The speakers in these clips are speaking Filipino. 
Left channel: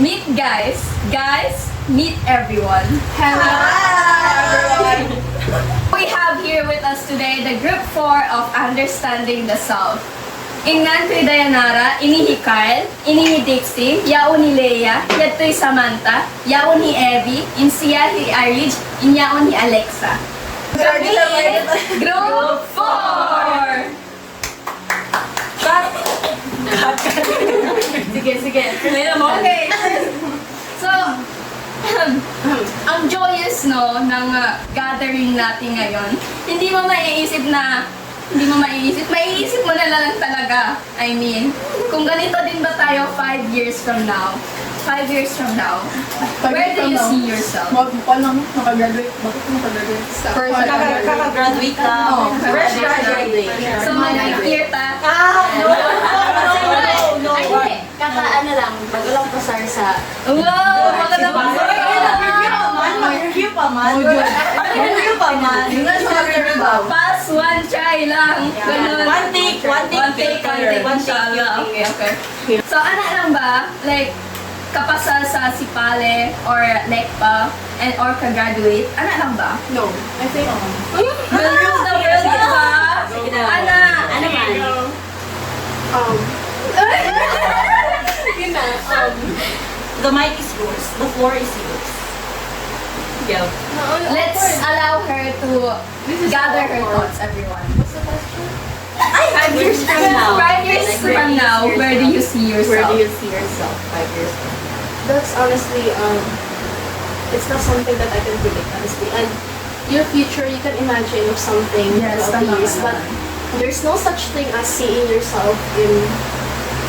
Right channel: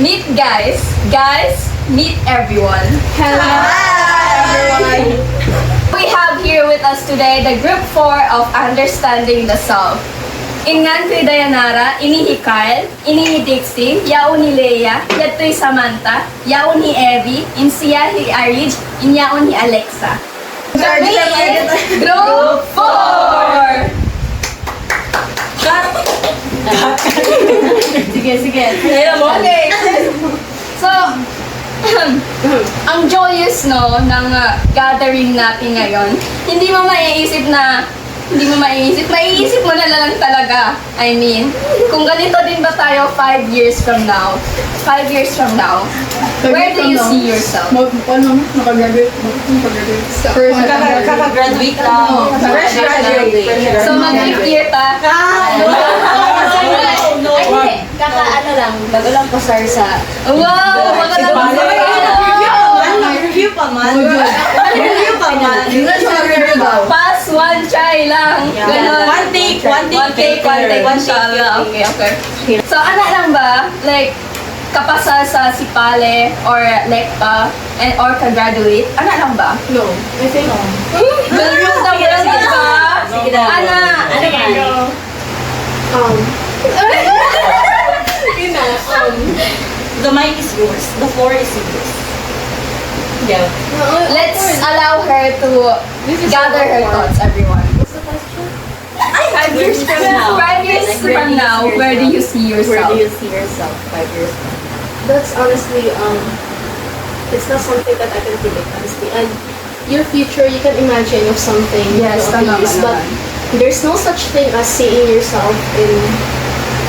Meet guys. Guys, meet everyone. Hello, everyone. We have here with us today the Group 4 of Understanding the Self. Ingnan ko'y Dayanara, ini ni Kyle, ini ni Dixie, yaon ni Leia, yato'y Samantha, yaon ni Evie, insiya ni Arij, inyaon ni Alexa. Kami, Group 4! Sige. Okay. So, ang joyous ng gathering natin ngayon, maiisip mo na lang talaga. I mean, kung ganito din ba tayo 5 years from now, where do you see yourself? Makagraduate. Kakagraduate na. Fresh graduate. So, mag-year ta. Bago lang pasar sa... Wow! Magandang Mag-review pa man. Pass, one try lang. Ganun. One take. Inshallah. Okay. So, ano lang ba? Like, kapasa sa Sipale or Lekpa or ka-graduate? Ano lang ba? No, I think... Will rule the world, di ba? Sige daw. Ana! Ano man? The mic is yours. The floor is yours. Go. Let's allow her to gather her thoughts, everyone. 5 years from now. 5 years from now, where do you see Where yourself? do you see yourself 5 years from now? That's honestly, it's not something that I can predict, honestly. And your future, you can imagine of something. Yes, of tama years, ka but naman. there's no such thing as seeing yourself in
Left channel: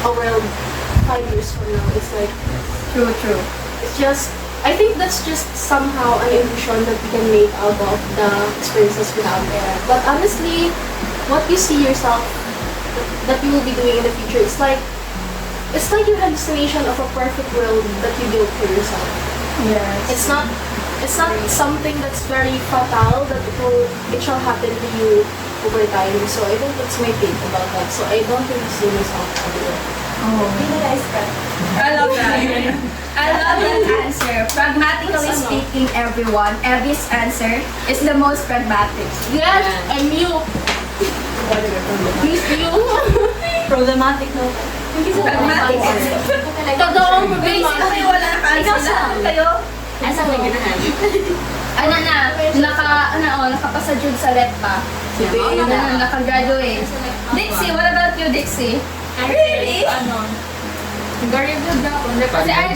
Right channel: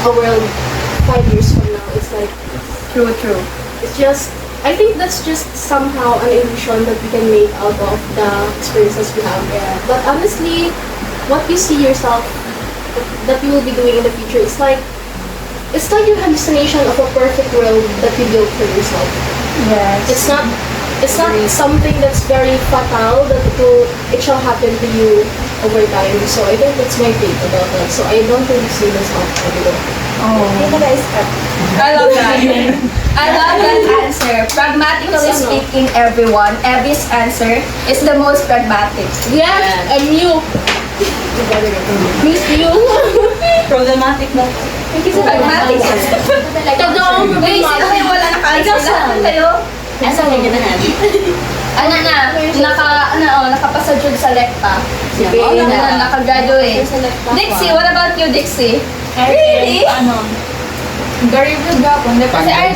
a world 5 years from now. It's like, True. it's just, I think that's just somehow an illusion that we can make out of the experiences we have there. But honestly, what you see yourself that you will be doing in the future, it's like your hallucination of a perfect world that you built for yourself. Yes. It's not something that's very fatal that it shall happen to you over time. So I think that's my take about that. So I don't really see myself over there. Oh. I love that. I love that answer. Pragmatically speaking, everyone, Evie's answer is the most pragmatic. Yes, and you. Miss you. Problematic mo. Pragmatic. Totoo, Wait, sino kayo wala naka-answer? Lahat kayo? Asa ka ganahan? Nakapasa jud sa Lekpa. Nakagraduate. Dixie, what about you, Dixie? Really? Very good ako. Kasi I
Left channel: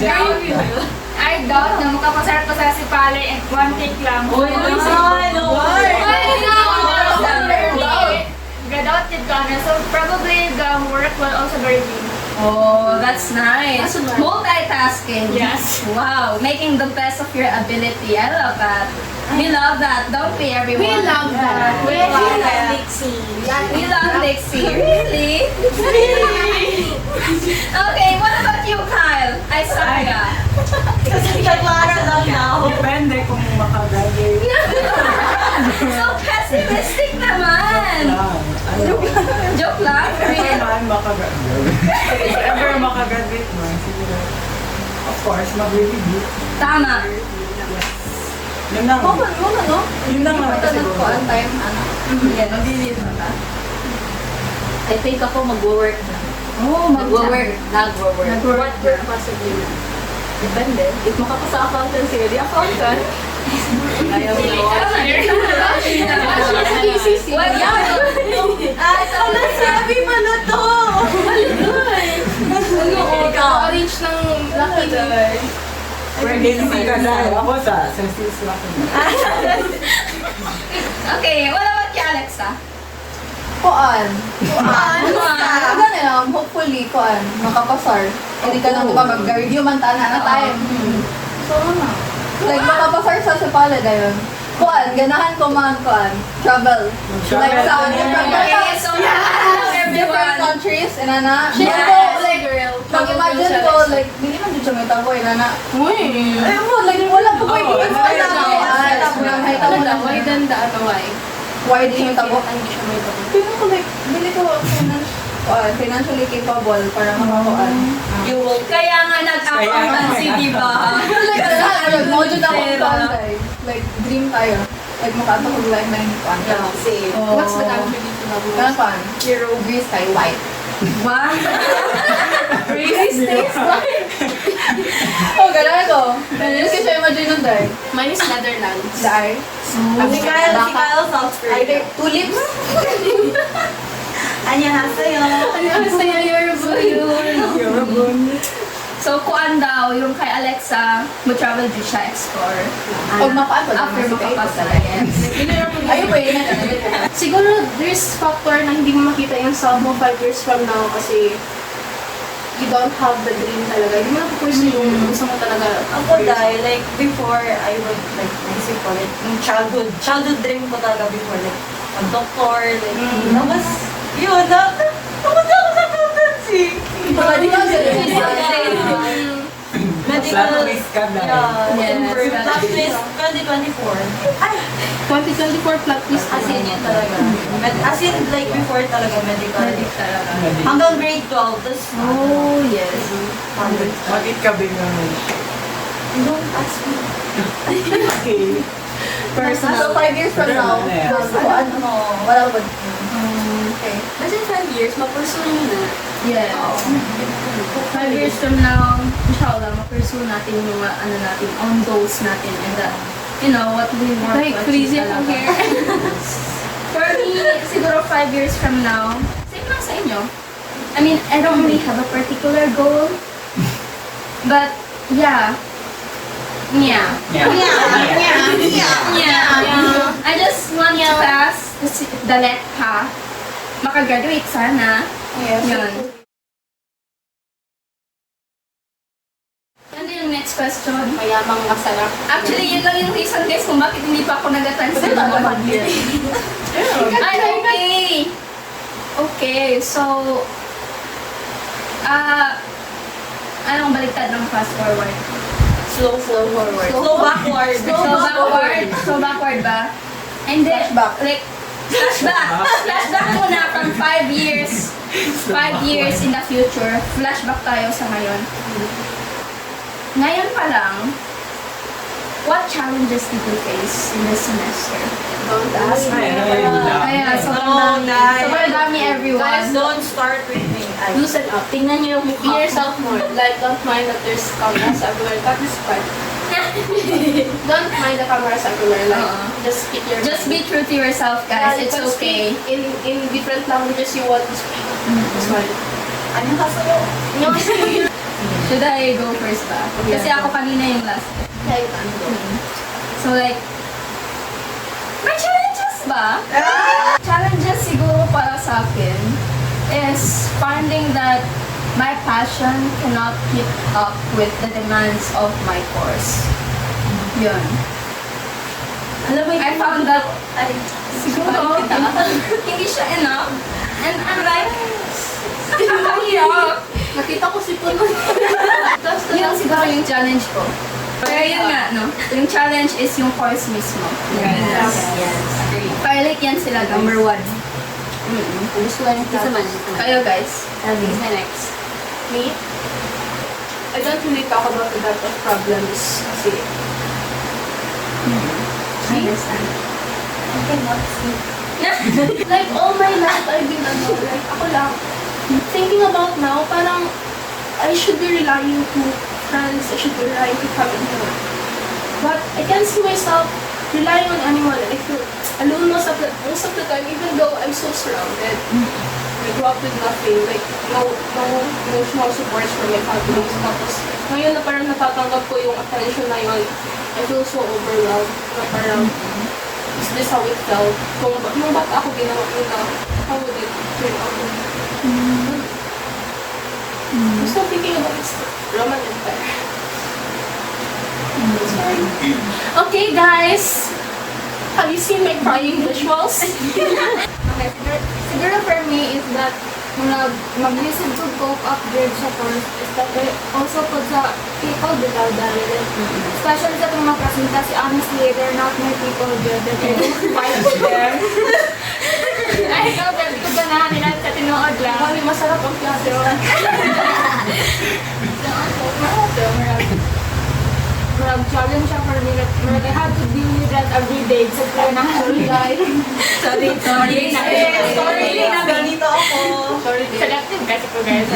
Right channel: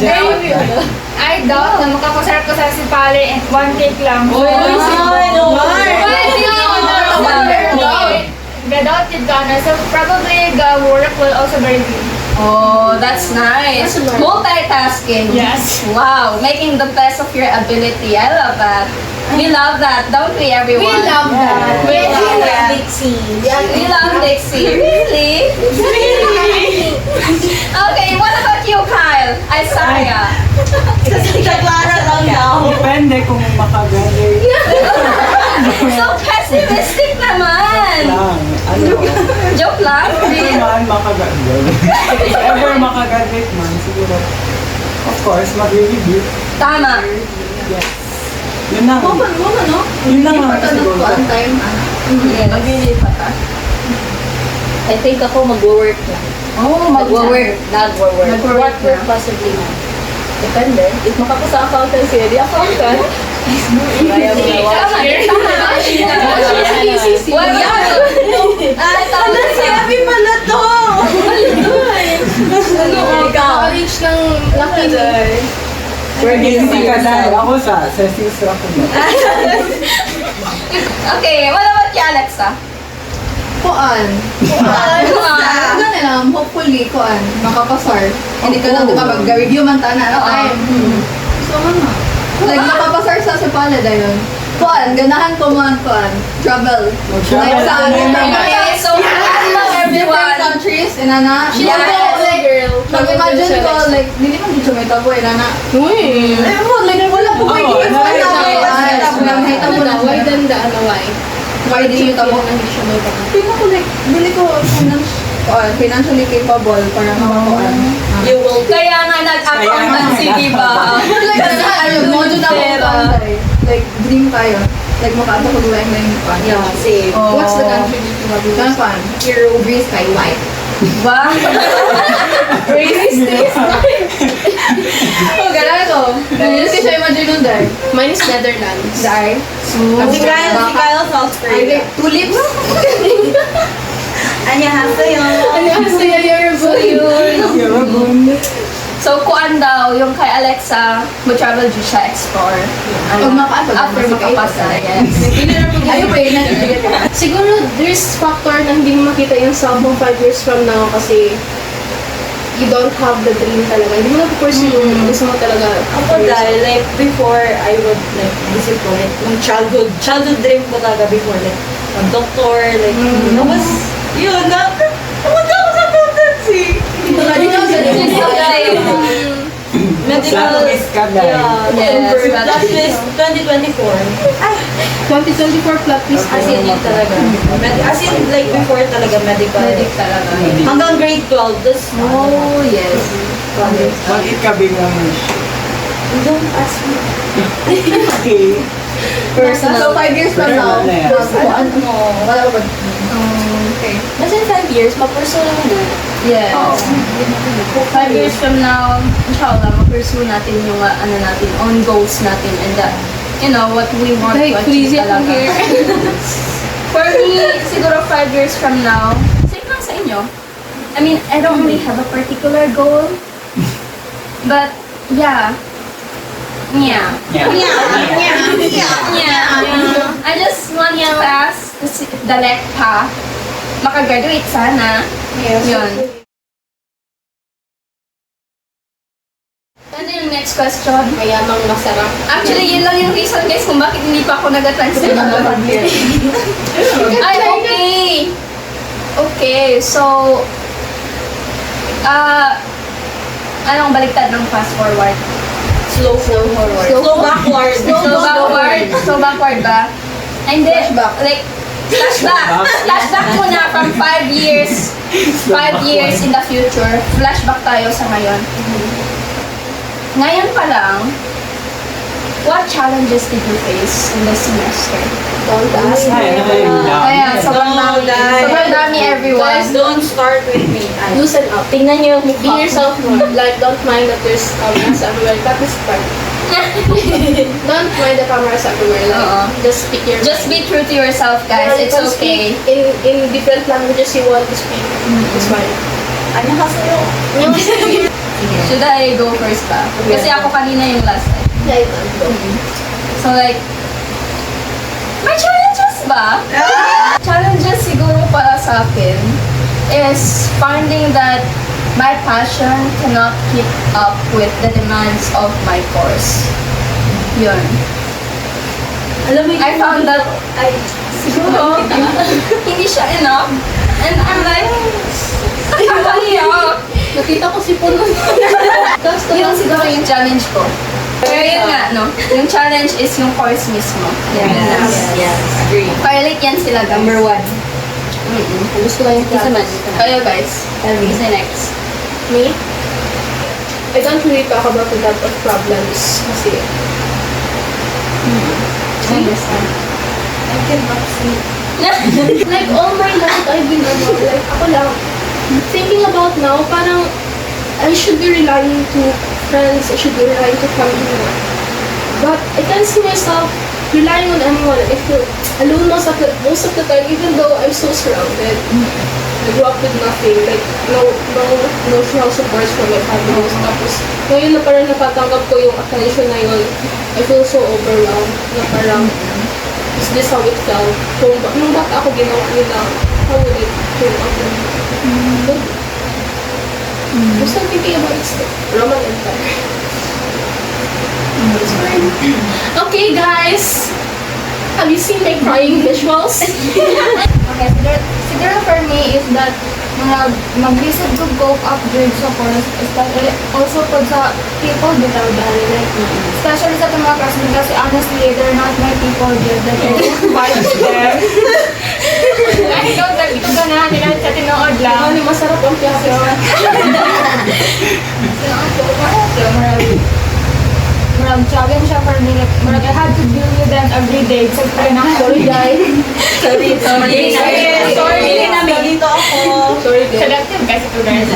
doubt na makapasar ko sa Sipale and one take lang. Gadot yun ka na. So probably the work will also very good. Oh, that's nice. Multitasking. Yes. Wow, making the best of your ability. I love that. We love that, don't we, everyone? We love that. We love that. Dixie. We love Dixie. Really? Okay, what about you, Kyle? Isaiah. Naglara lang daw. Depende kung makagraduate So pessimistic naman. lang. Joke lang? If man makagraduate. If ever makagraduate man, siguro. Of course, mag-review. Tama. Yes. Yun lang. Yun lang naman siguro. Mag-release pa ta. I think ako mag-work lang. Oh, Nag-work. Nag-work What work na. possibly na? Depende. If makapasa accountancy, di accountant. Tama. Well, ay, tama sa. Sabi mo na to! Reach ng laki. Hindi ka na. Ako sa sis ako na. Okay, what about you, Alexa? Kuan. Ganun hopefully, kuan, makapasar. Hindi ka lang, di ba, mag-review man tayo na time. So, ano? Like, makapasar sa Sipale dayon. Kuan, ganahan ko man, kuan, travel. Like, sa Okay, so hello different everyone. countries, inana. Yes. Like, mag-imagine ko, like, hindi man dito may tabo, inana. Ay mo, like, wala po kayo dito. Nakita mo na, Why than the ano nga eh? why di yung tabo? Hindi siya may baka. Tingnan ko, like, hindi ko financially capable para makakuan. You will Kaya nga nag-accountancy, di ba? Module na Pera. Like, dream tayo. Like, makatapag-like na yung country. Yeah, same. Oh. What's the country dito na gusto? Saan pa? Hero. Greece kay white. Wow. Realistic. Oh, ganun ko. Yes, kasi siya imagine nun, Dar. Mine is Netherlands. Dar. Si Kyle, South Korea. Tulips. Annyeonghaseyo. Ano sa Yun. So, kuan daw, yung kay Alexa, mag-travel dyan siya, explore. Pag mapaan, pag After makapasa, yes. Ayun pa yun. Siguro, there's factor na hindi mo makita yung self mo 5 years from now kasi you don't have the dream talaga. Hindi mo na pursue yung gusto mo talaga. Ako dahil, like, before, I would, like, isip ko, like, yung childhood dream ko talaga before, like, mag-doctor, like, tapos, yun, pumunta ako sa accountancy. Medical, Miss ka na. Yes, plot twist 2024. 2024 plot twist. As in, yun talaga. As in, like, before talaga, medical. Talaga. Hanggang grade 12, tapos, Oh, yes. Bakit ka biglang don't ask me. okay? So, 5 years from now, Ano, wala ko. Okay. As in 5 years, mapursue naman na. Yes. 5 years from now, inshallah, ma-pursue natin yung ano natin, own goals natin and you know, what we want to achieve talaga. For me, siguro 5 years from now, same lang sa inyo. I mean, I don't really have a particular goal. But, yeah. Yeah. I just want to pass the left path. Makagraduate sana. Yun. Ano yung next question? Mayamang masarap. Actually, yun lang yung reason guys kung bakit hindi pa ako nag-transfer. Ay, okay. Okay, so, anong baliktad ng fast forward? Slow forward. Slow backward. So backward ba? Hindi. Flashback. Like, flashback. Flashback muna from 5 years. 5 years in the future. Flashback tayo sa ngayon. Ngayon pa lang, what challenges did you face in this semester? Don't ask me. Kaya, sobrang No, dami. guys. Sobrang dami everyone. Guys, don't start with me. Loosen up. Tingnan niyo yung Be yourself more. Like, don't mind that there's cameras everywhere. That is fine. Don't mind the cameras everywhere. Like, Oo. just speak your Just be true to yourself, guys. It's You can okay. speak in different languages you want to speak. It's fine. Annyeonghaseyo. Should I go first ba? Kasi ako kanina yung last. Yeah, you can go. So like, may challenges ba? Challenges siguro para sa akin is finding that my passion cannot keep up with the demands of my course. Yun. Alam mo, I found that Ay, siguro hindi siya enough. And I'm like, nakakaiyak. Nakita ko si Puno. Yun siguro yung challenge ko. Pero yun nga, no? Yung challenge is yung course mismo. yes. Agree. Pilot yan sila, guys. Number 1. Gusto ko yung Isa man. Kayo, guys. Isa next. Me? I don't really talk about a lot of problems kasi I cannot sleep. like all my life I've been like ako lang thinking about now parang I should be relying to friends, I should be relying to family. But I can't see myself relying on anyone. I feel alone most of the time even though I'm so surrounded. I grew up with nothing, like no emotional support from my family. Tapos ngayon na parang natatanggap ko yung attention na yun, I feel so overwhelmed na parang is this how it felt? Kung nung bata ako ginawa ko na, how would it feel ako? I'm still thinking about it still. Roman Empire. Okay guys! Have you seen my crying visuals? Okay, siguro for me is that mga mag-receive to go upgrade sa course, especially also po sa people without that, like, especially sa itong mga classmates kasi honestly, they're not my people just that I fight with them. Ay, ikaw, sabi ko ka na, sa tinood lang. Ano, masarap ang piyaso. nag-challenge siya for me. Like, I had to deal with them every day. So, na, sorry guys. Sorry namin dito ako. Selective kasi to guys.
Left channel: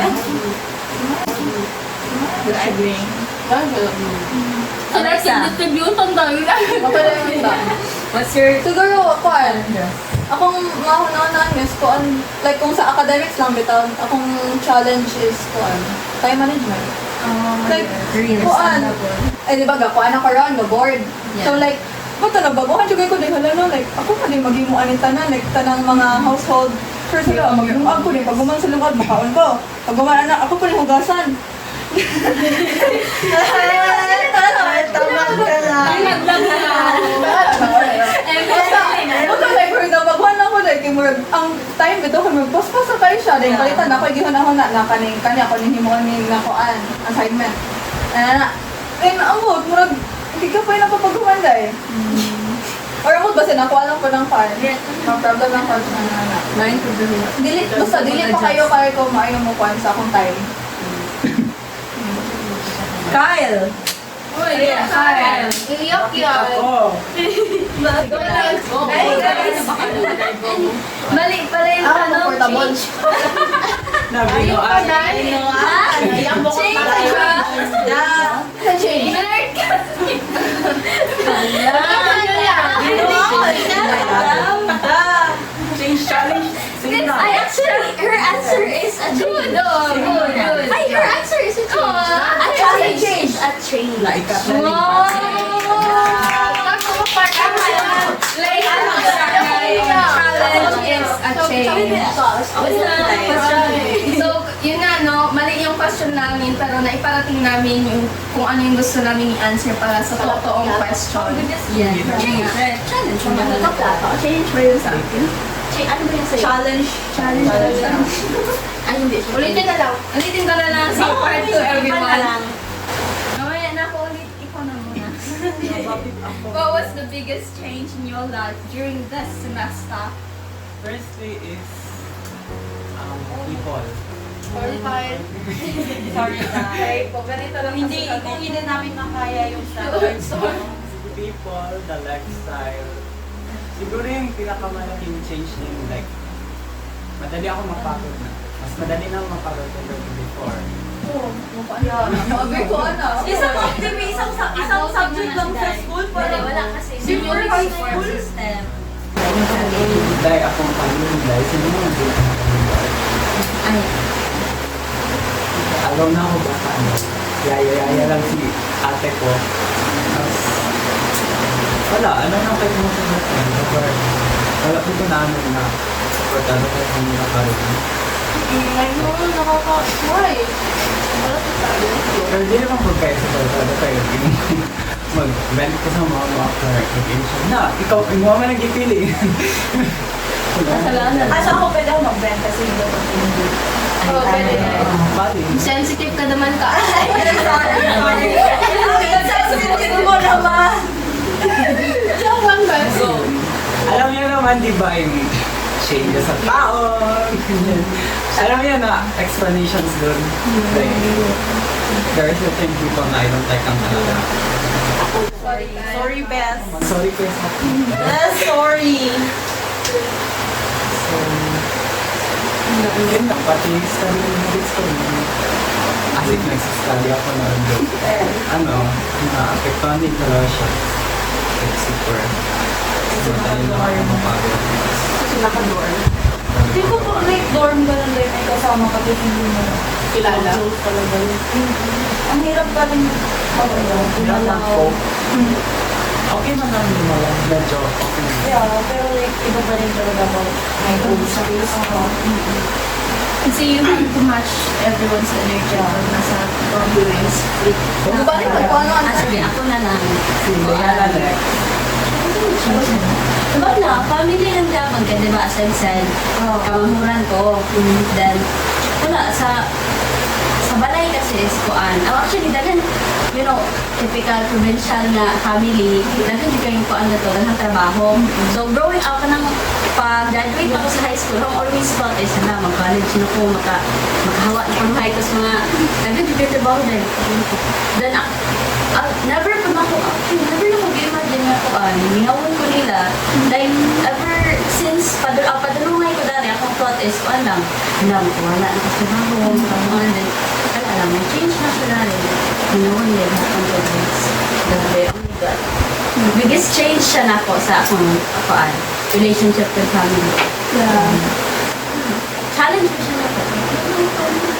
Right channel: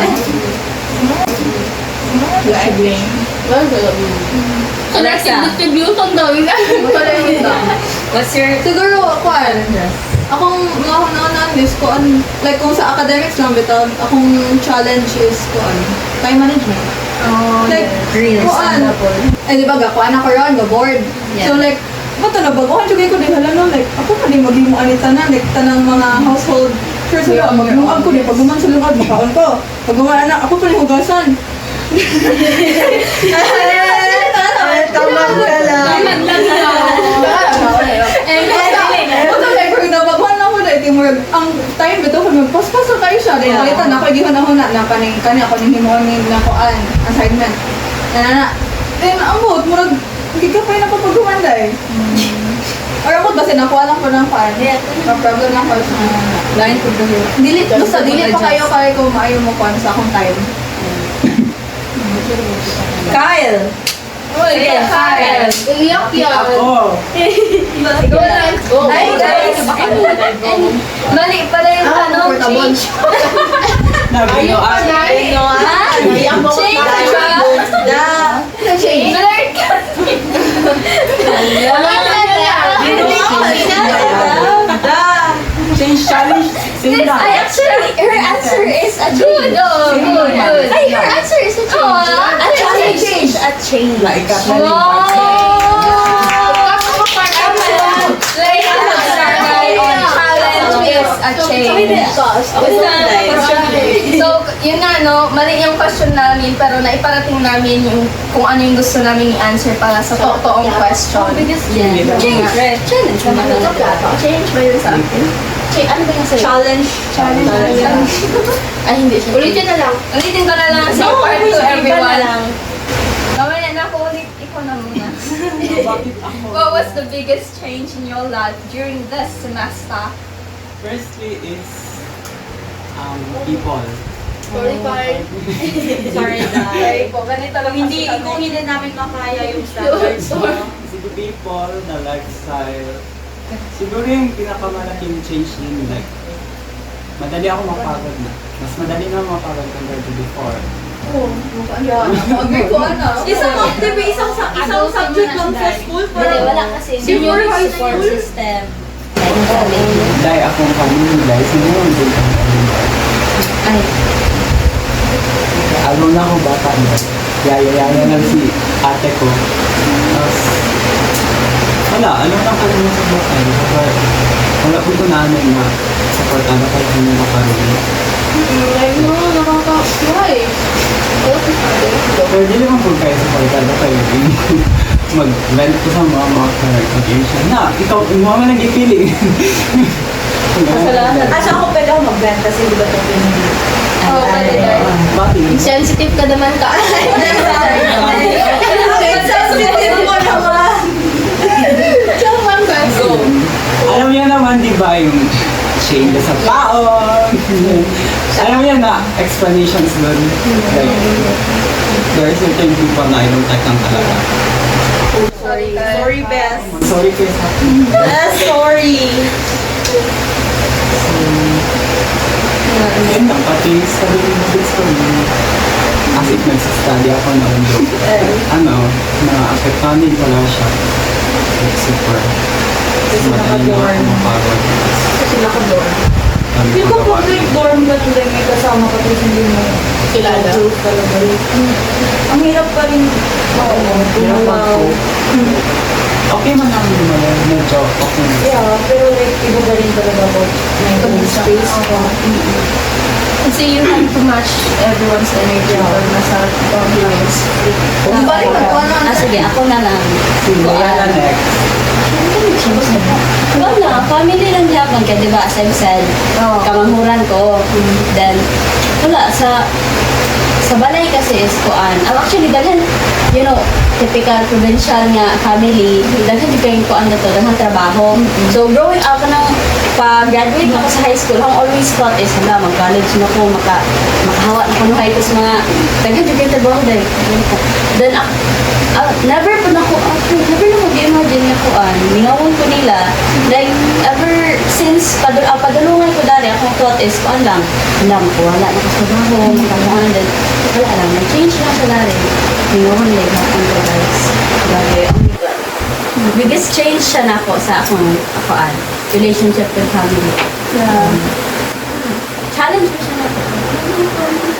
Alexa, Distribution daw yun. what's your Siguro, kuan. Akong mahunanan is kuan, like kung sa academics lang bitaw, akong challenge is kuan, time management. Like, kuan. Eh, di ba, kuan ako ron, board. So like, ba't na baguhan siya ko din, alam no, like, ako pa din mag-imuan ni tanan, like, tanang mga household chores nila, mag-imuan ko din, pag guman sa lugar, makaon ko. Pag guman anak, ako pa din hugasan. Tama ka lang. Ang time bito kami paspas sa kayo siya dahil palitan ako gihuna-huna na kaning kani ako ning himoni na kuan assignment. Then ang mood murag hindi ka pa na papaghuman dai. Or ang mood basta nakuha lang ko ng fan. Ma problem lang ko sa line ko dito. Delete basta delete ko kayo kay ko maayo mo kuan sa akong time. Kyle. Kyle. Iyak yan. Ako! Ay, guys. Mali pala yung tanong. Change. Nabinuan. Change the job. Change. Nerd ka. Change challenge. Same lang. Actually, her answer is a change. Good. Ay, her answer is a change. A challenge. A change. Naikat na rin Like, challenge is a change. So, yun nga, no, mali yung question namin, pero naiparating namin yung kung ano yung gusto namin i-answer para sa totoong question. Yeah. Change ba yun sa akin? Ano ba yung sa'yo? Challenge. Ay, hindi siya. Ulitin na lang. Ulitin ko na lang sa part to everyone. Mamaya na ako ulit. Ikaw na muna. What was the biggest change in your life during this semester? Firstly is people. Sorry, bye. Sorry na. Sorry po, ganito lang Kung hindi namin makaya yung standards mo. Sige, people, the lifestyle. Siguro yung pinakamalaking change din, like, madali ako mapagod na. Mas madali na mapagod compared to before. Isang subject lang sa school, pero Wala kasi. Senior high support school? system. Dahil akong family, dahil siguro din ang Ay. alone na ako bata. Yaya lang si ate ko. Tapos, wala, alone ako din sa bata. Kapag wala po ito namin na supportado kahit hindi makaroon. Why? Pero di naman po kayo supportado kayo. Mag-vent ko sa mga clarification na ikaw naman nag-feeling. Asa ako pwede ako mag-vent kasi di ba ito hindi. Oh, pwede tayo. Bakit? Sensitive ka naman ka. Sensitive mo naman. Alam niya naman, di ba, yung change sa paon. Alam niya na explanations doon. Like, there are certain people na I don't like ang talaga. Sorry, Bess. Sorry ko sa Sorry. yun lang, pati study ng habits ko. As if nagsastudy ako noon. Na-apektuhan din talaga siya. Like, super. Madali na ako mapagod. Kasi naka-dorm. Dami Di ko ba pag gawain. dorm ka nun may kasama ka tapos hindi mo Kilala. talaga rin. Ang hirap pa rin. Oo. Hirap mag-cope. Okay man ang lumayan. Medyo okay na. Yeah, pero like, iba ba rin talaga pag may own space. Kasi you have to match everyone's energy pag nasa dorms. Balik ka kuan na. Sige, ako na lang. Kaya na next. Wala, family lang labang ka, di ba? As I've said, kamahuran ko. Then, wala, sa balay kasi is kuan. Actually, dahil, you know, typical provincial nga family, dahil di kayong kuan na to, dahil trabaho. So, growing up, pag-graduate ako sa high school, ang always thought is, mag-college na ko, makahawa na ko kahit sa mga, dahil di kayong trabaho dahil. Then, never po na ko actually, never na mag-imagine nga kuan. Ningawon ko nila. Like, ever since padulungan ko dali, akong thought is, kuan lang, alam ko, wala na ko sa baho, makamuhan, then, wala lang, change na siya dali. Ningawon nila, hapon ko guys. Grabe, oh my God. Biggest change siya na ako sa akong, relationship with family. Challenge ko siya na ako.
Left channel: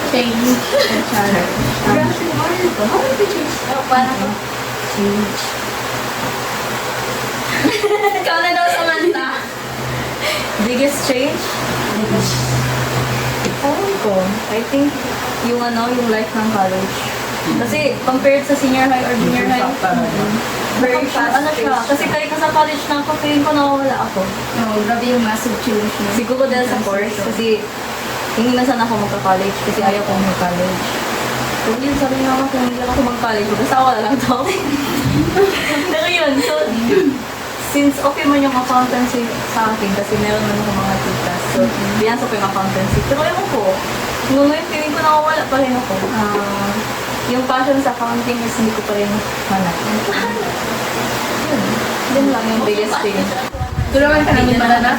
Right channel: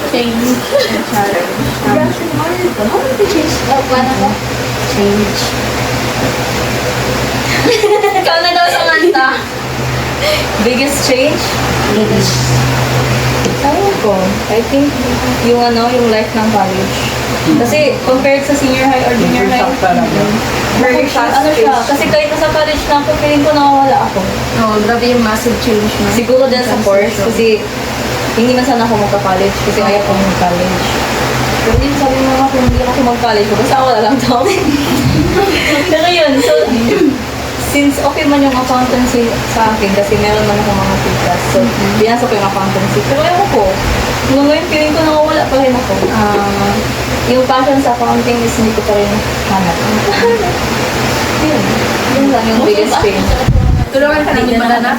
Change. Challenge. How did you change? Paano ko? Change. Ikaw na daw, Samantha. Biggest change? Ewan ko. I think yung yung life ng college. Kasi compared sa senior high or junior high, very fast Ano siya? Kasi kahit nasa college na ako, feeling ko nawawala ako. Oh, grabe yung massive change na. Siguro din sa course kasi hindi man sana ako magka-college kasi ayaw ko mag-college. Pero yun sabi ng mama ko, hindi ako mag-college. Basta ako wala lang daw. Pero yun, so since okay man yung accountancy sa akin kasi meron man ako mga tikas. So, binasok ko yung accountancy. Pero ewan ko, hanggang ngayon feeling ko nakawala pa rin ako. Yung passion sa accounting is hindi ko pa rin hanap. Yun. Yun lang yung biggest change. Tulungan ka namin malala.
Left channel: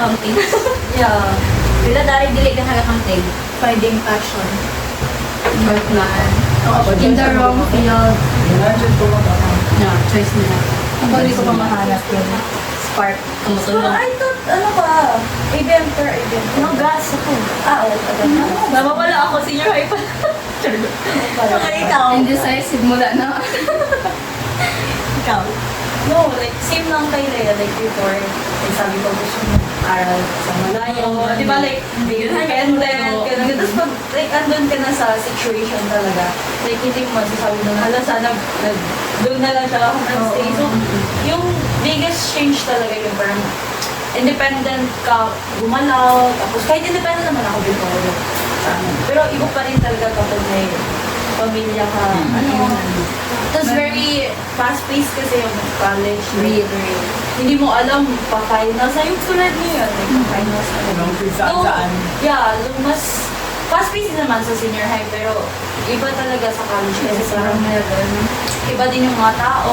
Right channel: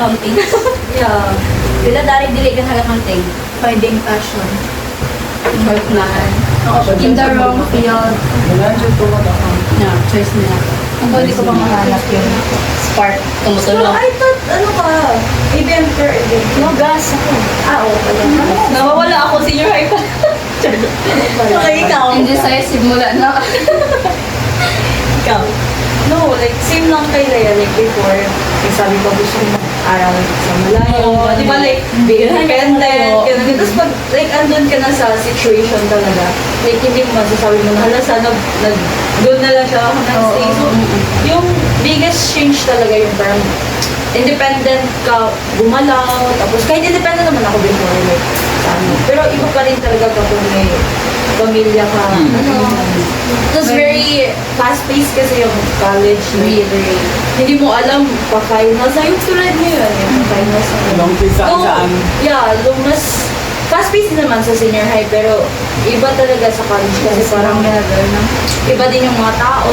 Yeah. Dila dari dili ka nagakanting. Finding passion. In the wrong field. No, choice na lang. Ang huli ko pa mahanap yung Spark. So, Tumutulong. I thought, ano ka, ABM per ABM. No, gas ako. Oo, pala. Nawawala ako, senior high pa. Okay, ikaw. indecisive mula na. Ikaw. No, like, same lang kay Leia. Like, before, yung sabi ko gusto mo aral sa malayo. Di ba, like, be independent. Ganun. Tapos pag, like, andun ka na sa situation talaga, like, hindi mo masasabi mo na, hala, sana, doon na lang siya ako nag-stay. So, yung biggest change talaga yung parang, independent ka, gumalaw, tapos kahit independent naman ako before, like, sa ano. Pero iba pa rin talaga kapag may pamilya ka. Ano, tapos very fast-paced kasi yung college. Really. Hindi mo alam, pa-finals na yung tulad niyo yun. Pa-finals na yun. Yung pisa So, saan? yeah, mas fast-paced naman sa senior high, pero iba talaga sa college kasi parang iba din yung mga tao.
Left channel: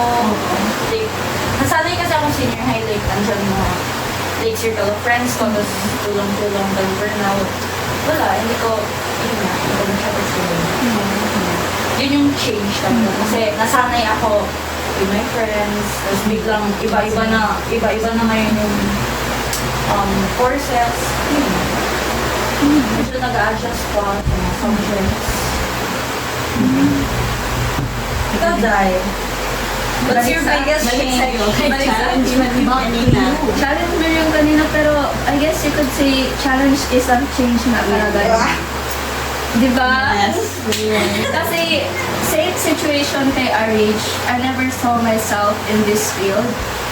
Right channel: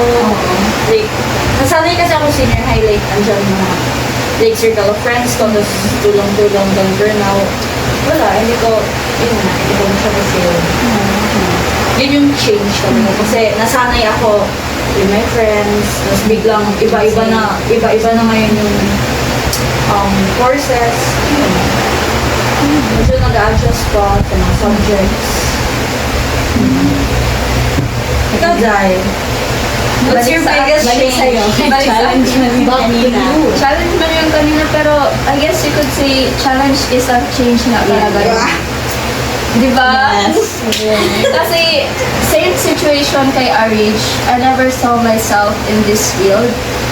Like, nasanay kasi ako senior high, like, andyan mga like circle of friends ko, tapos tulong-tulong ng burnout. Wala, hindi ko masyado yun yung change talaga. Kasi nasanay ako with my friends, tapos biglang iba-iba na ngayon yung courses. Yun. Medyo nag-a-adjust pa sa mga subjects. Ikaw, Zay. What's your biggest change? Challenge mo yung kanina. Challenge mo yung kanina, pero I guess you could say challenge is a change na talaga. Diba? Yes. Kasi same situation kay RH. I never saw myself in this field.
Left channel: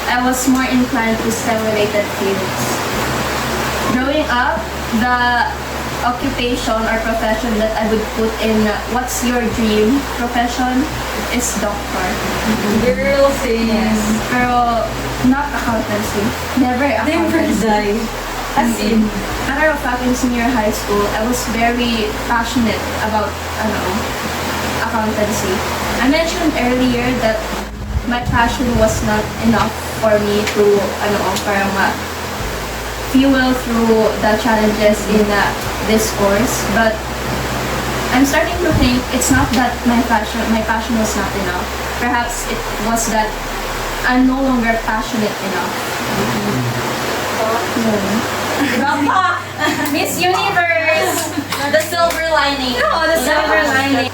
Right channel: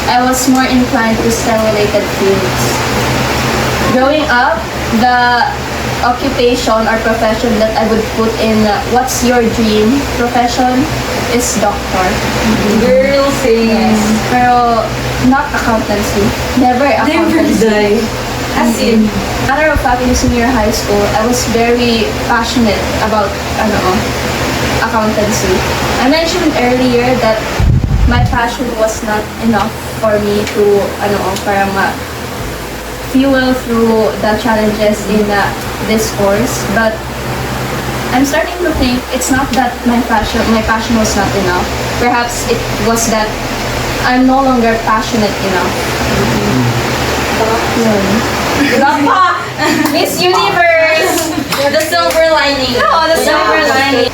I was more inclined to STEM-related fields. Growing up, the occupation or profession that I would put in what's your dream profession is doctor. Girl, same. Yes. Pero not accountancy. Never accountancy. As in, matter of fact, in senior high school, I was very passionate about accountancy. I mentioned earlier that my passion was not enough for me to para fuel through the challenges in this course. But I'm starting to think it's not that my passion was not enough. Perhaps it was that I'm no longer passionate enough. Yun. Diba pa? Miss Universe! The silver lining. No, the silver lining.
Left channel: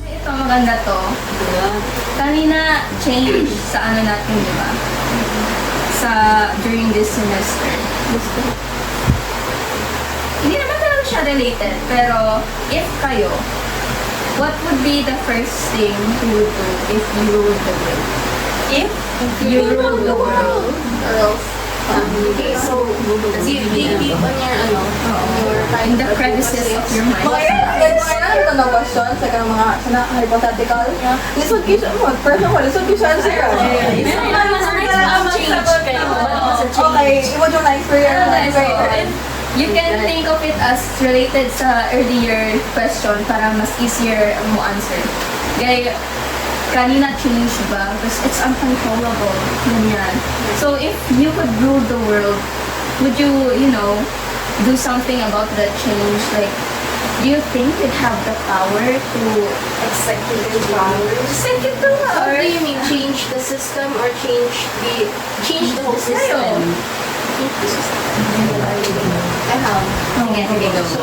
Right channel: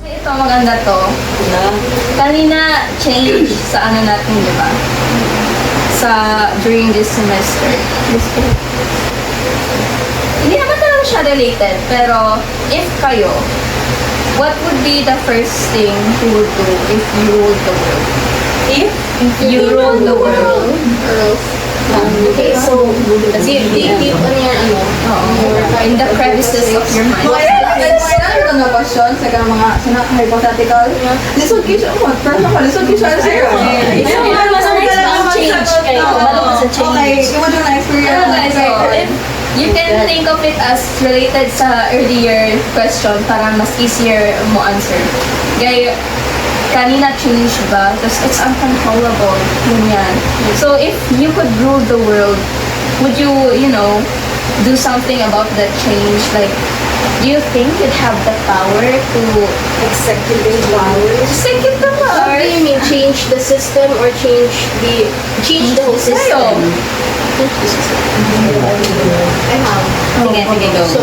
Ito, maganda to. Kanina, change sa natin, di ba? During this semester. Hindi naman talaga siya related, pero if kayo, what would be the first thing you would do if you ruled the world? If You ruled the world. Girls. Okay, so, Deep in the crevices of your mind. Mga ito na question sa mga hypothetical. Lisod ko siya mo. First of all, lisod ko siya answer. Change kayo. Balo ka sa change. Okay, imo dyan na experience. Pero guys, so, you can think of it as related sa earlier question, para mas easier mo answer. Gaya, kanina change ba? Because it's uncontrollable. Yun yan. So if you could rule the world, would you, do something about that change? Like, do you think you'd have the power to Executive power. execute the What power? do you mean, change the system or change the whole system? Tayo. Change the system. I have. Sige, sige, go. So,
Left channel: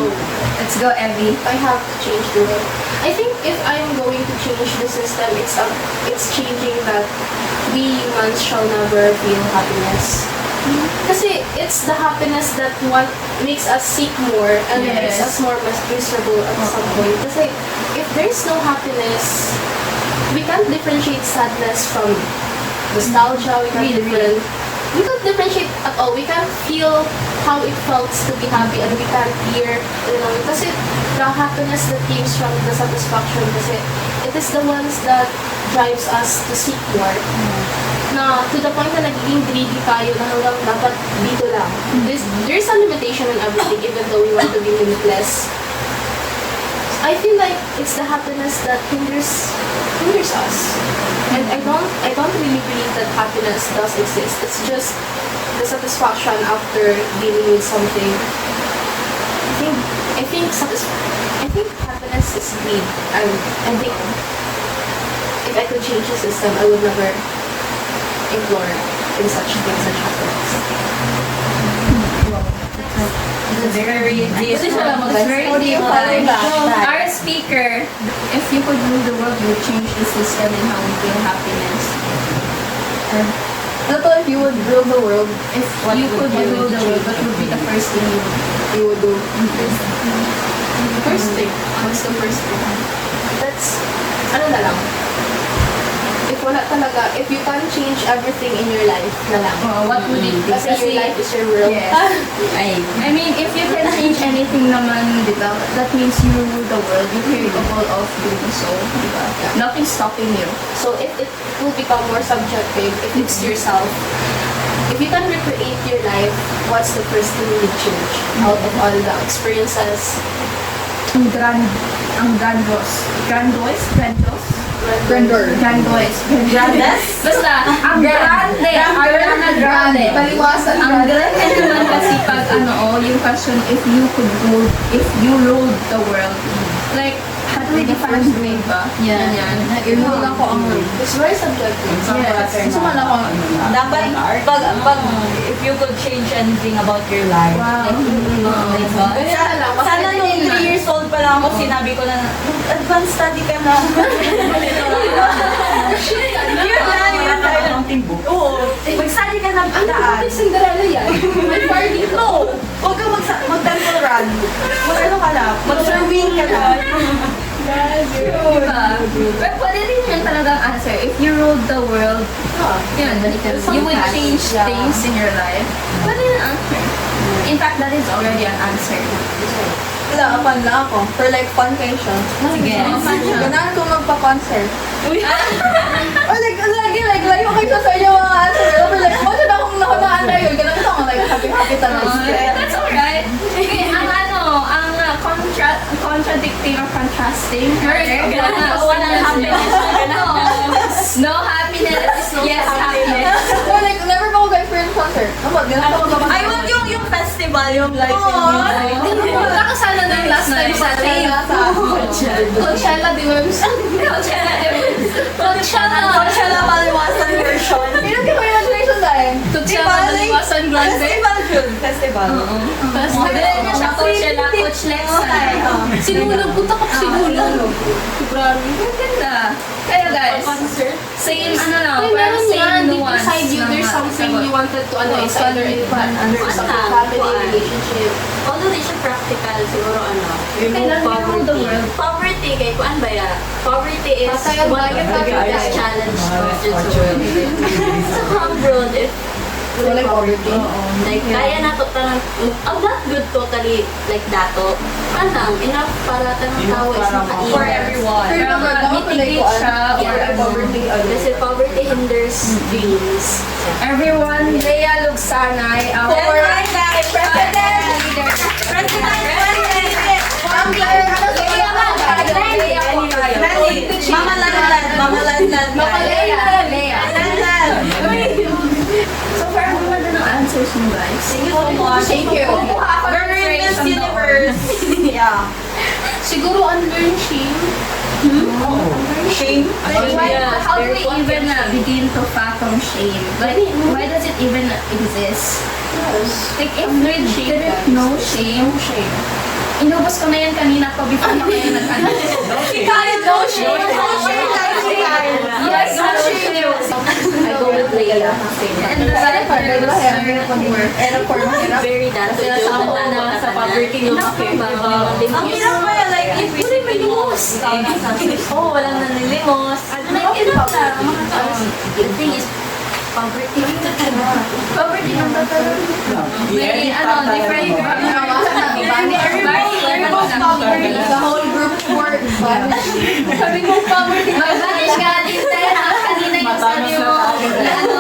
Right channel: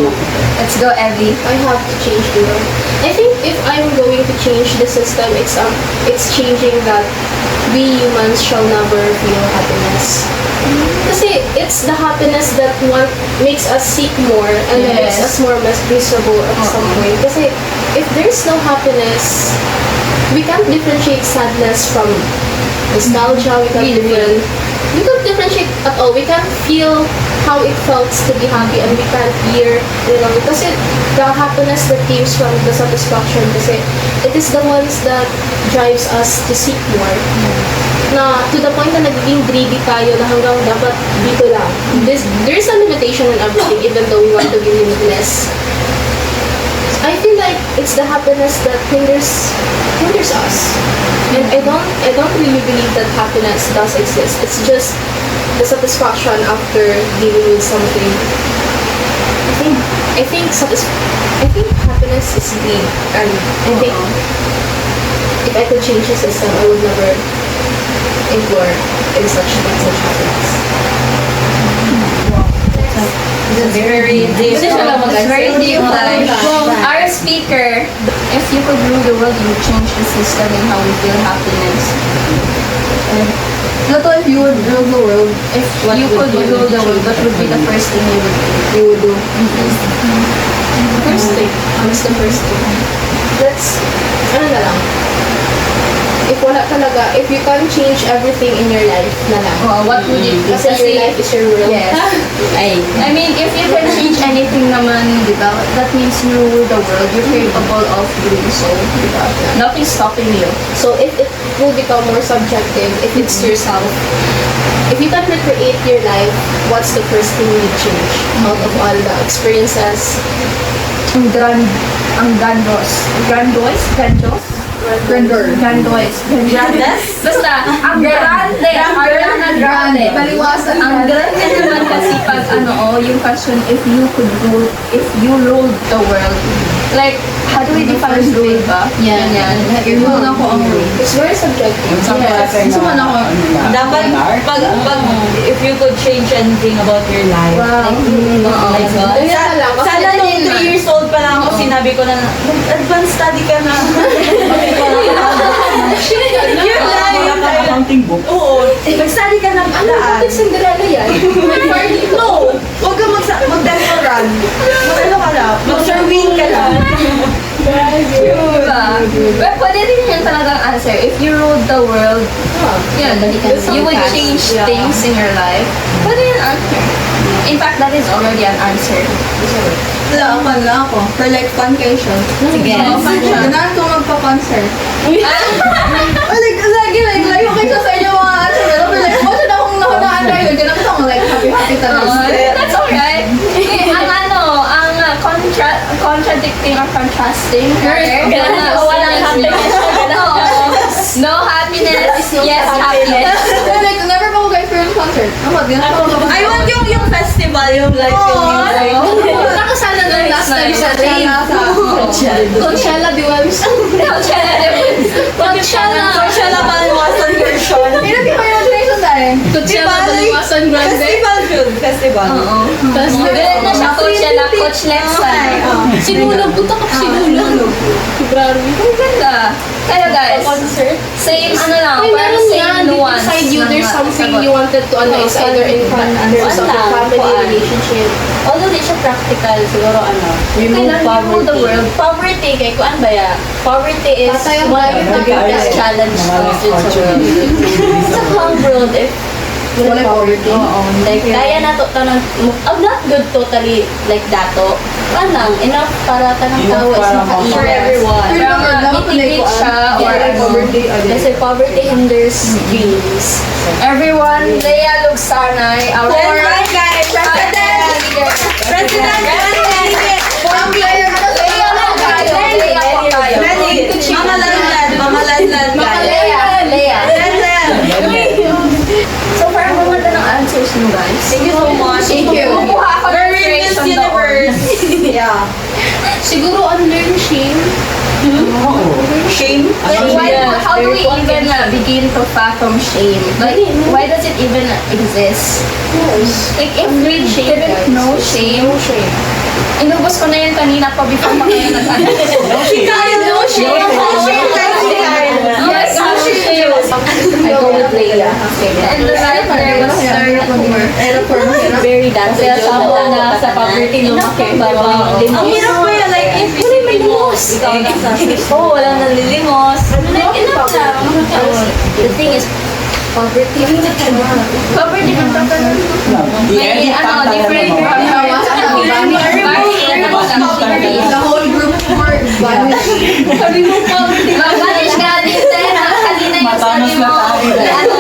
Let's go, Evie. I have to change the world. I think if I'm going to change the system, it's changing that we humans shall never feel happiness. Kasi it's the happiness that makes us seek more and makes Yes. us more miserable at some point. Kasi if there's no happiness, we can't differentiate sadness from nostalgia. We can't differentiate at all. We can't feel how it felt to be happy, and we can't hear, kasi the happiness that comes from the satisfaction, kasi it is the ones that drives us to seek more. Na to the point na nagiging greedy tayo na hanggang dapat dito lang. There's a limitation in everything, even though we want to be limitless. I feel like it's the happiness that hinders us. And I don't really believe that happiness does exist. It's just the satisfaction after dealing with something. I think happiness is greed, and I think if I could change the system, I would never implore in such happiness. It's very deep. It's very deep. Like, our speaker, if you could rule the world, you would change the system and how we feel happiness. Not only if you would rule the world, If you could rule the world, what would be the first thing you would do? First thing, what's the first thing? That's, ano na lang. If wala talaga, if you can change everything in your life na lang. What would it be? Kasi your life is your world. Yes. Ay, I mean, if you can change anything naman, di ba? That means you rule the world. You're capable of doing so, di ba? Nothing's stopping you. So if it will become more subjective, if it's yourself, if you can recreate your life, what's the first thing you change out of all the experiences? Ang grandos. Grandos? Basta, ang grande. Ariana Grande. Maliwasan Ang grande naman kasi pag yung question, if you ruled the world. Like, how do we define rule ba? Yeah. Ganyan. Yun ako ang rule. It's very subjective. Yes. Gusto man ako, Dapat, pag if you could change anything about your life, Wow. like, Ganyan na lang. sana nung 3 years old pa lang ako, sinabi ko na, advanced study ka na. Yun lang. Accounting book. Oo. Mag-study ka ng Ano alaan. bakit Cinderella yan? No! Huwag kang mag-temporal. Mag-ano ka na? Mag-serving ka na. Diba? But pwede rin yun talagang answer. If you ruled the world, yun, you would change things in your life. Pwede yun answer. In fact, that is already an answer. fun lang ako. For like fun kayo siya. sige. Fun siya. Ganahan ko magpa-concert. Like, layo kayo sa inyo mga answer. Pero like, wala na akong nakunaan kayo. Ganun ako like, happy talaga. That's alright. Okay, contradicting or contrasting. Walang happiness. No happiness. Yes, happiness. Like, never ko guys for concert. Ganun ako I want yung festival, yung live yung music. Nakasala na last time sa rain. Coachella, di ba? Coachella Maliwasan version. Pinag ko yung nation dahil. Coachella, Maliwasan Grande. Festival yun. Festival. Maganda na siya, Coachella, Coach Lexan. Sinulog. Punta ka sa Sinulog. February. Ang ganda. Kaya guys, Concert. same lang, Ay, parang meron same nga, deep nuance. inside you, ng there's something sagot. you wanted to analyze, either in terms of your family, relationship. Although di siya practical, siguro Okay, remove now, poverty. rule the world. Poverty, kay kuan ba ya? Poverty is Tatayag one ba of yun? the biggest challenge sa world. Sa whole world, if Wala poverty. like, kaya na to tanang, not good totally like dato. Parang enough para tanang tao is makain. For everyone. Parang mitigate siya or Kasi poverty hinders dreams. everyone, Lea Lugsanay, our President! President leader. President! Leia lang tayo. Leia po tayo. Mamalanlan ka. Leia. So, parang maganda ng answers nyo, guys. Thank you so much. Thank you. Kumuha ako ng We're in Miss inspiration doon. Universe. Yeah. Siguro under shame. Oo. Shame. How do we even begin to fathom shame? Like, why does it even exist? Like, if we didn't know shame, inubos ko na yan kanina pa before pa kayo nag-ano. Kyle, no shame. No shame. Yes, no shame. I go with Leia. And the right there was Very dance. Sa poverty no. Ang hirap pa yan, like, if limos. Ikaw na sa Oo, walang nanlilimos. Like, enough lang. The thing is, poverty. Poverty ng tatanong. May different The whole group were vanished. Sabi mo poverty. Mag-vanish ka din, kanina yung Matanos na tayo.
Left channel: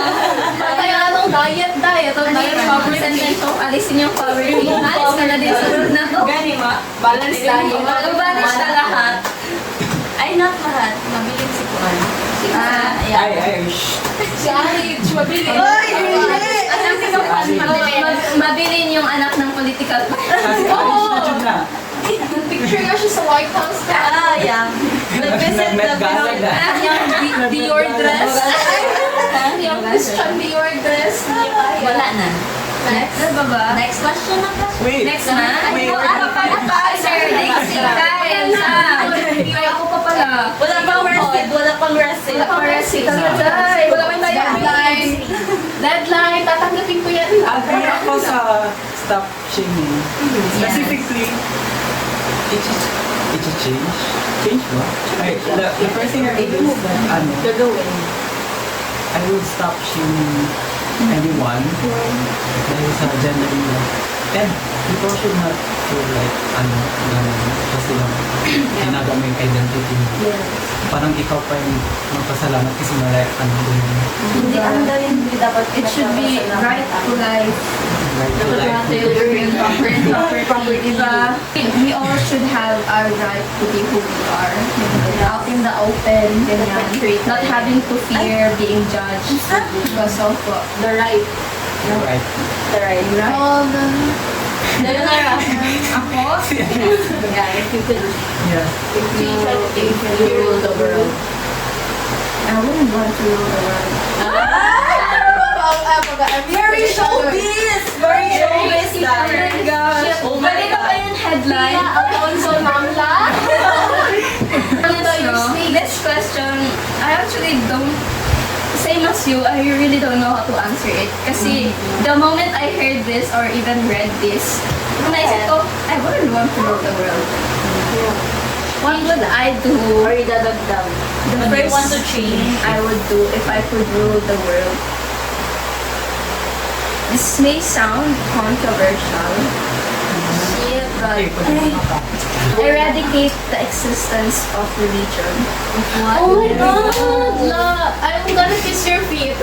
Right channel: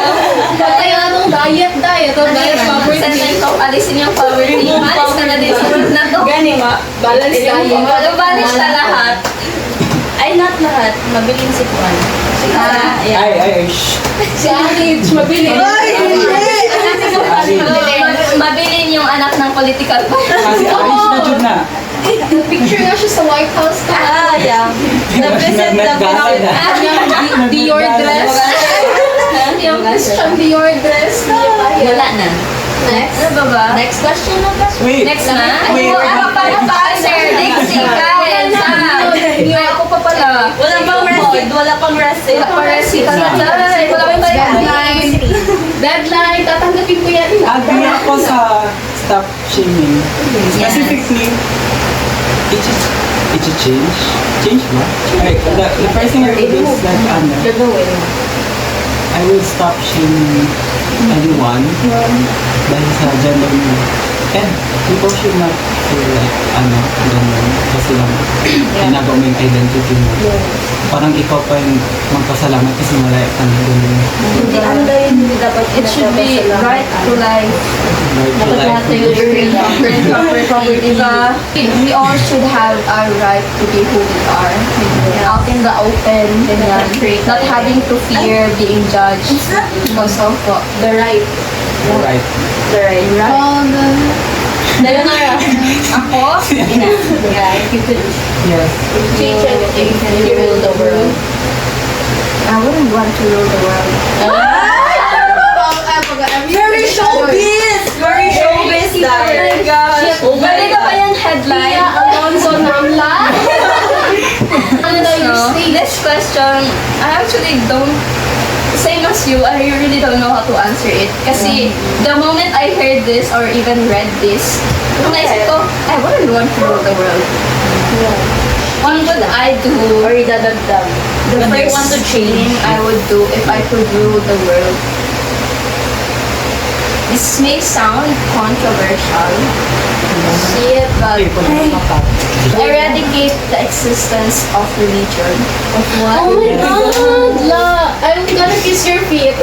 Patay anong diet. Poverty. Alisin yung poverty. Malis na na din sa road na to. Gani ma. Balance diet. Mag-vanish na lahat. Ay, not lahat. Mabiling si Juan. Ay, shh. Si Anich, mabili. Mabilin yung anak ng political party. Kasi orange na dyan na. Picture nga siya sa White House. Yeah. The visit, the Nagdasal na. Yung Dior dress. Yung Christian Dior dress. Wala na. Next. Ano ba? Next question na ba? Wait. Next na? Wait. Ano pa answer? Next si Kyle. Ay, ako pa pala. Wala pang receipt. Wala pang receipt. Wala pa receipt. Wala pa tayo. Deadline. Tatanggapin ko yan. Agree ako sa stop shaming. Specifically, it's a change. Change ba? Okay, the first thing I would do is that, I will stop shaming anyone dahil sa gender nila. And people should not feel like, ganun, kasi lang, ginagawa mo yung identity mo. Parang ikaw pa yung magpasalamat kasi malaya ka na ganun. Hindi anda yun. Hindi dapat. It should be right to life. Right to life. Diba? We all should have our right to be who we are. Out in the open. Ganyan. Not having to fear being judged because of The right. You're right. ako. Yeah, if you could Yes. change anything, you rule the world. I wouldn't want to rule the world. Very showbiz! Very showbiz Oh my gosh. Pwede ka pa yan headline? Alonso Namla. So, this question, I actually don't, same as you, I really don't know how to answer it. Kasi the moment I heard this or even read this, nung naisip ko, I wouldn't want to rule the world. What would I do? Or idadagdag. The When you first want to change. thing I would do if I could rule the world. This may sound controversial, but eradicate the existence of religion. Oh my God, La! I'm gonna kiss your feet.